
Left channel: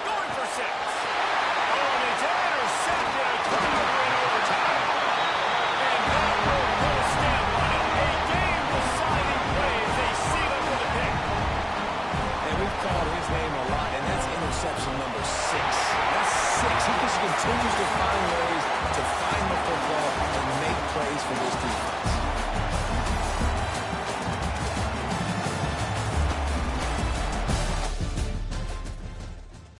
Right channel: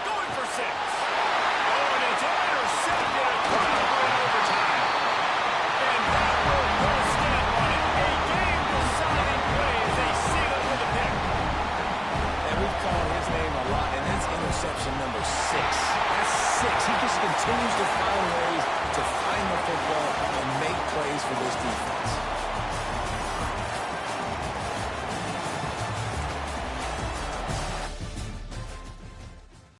Going for 6. Oh, and it's intercepted. A turnover in overtime. And that will put a stamp on it. A game-deciding play as they seal it with a pick. And we've called his name a lot, and that's interception number 6. That's 6. He just continues to find ways to find the football and make plays for this defense.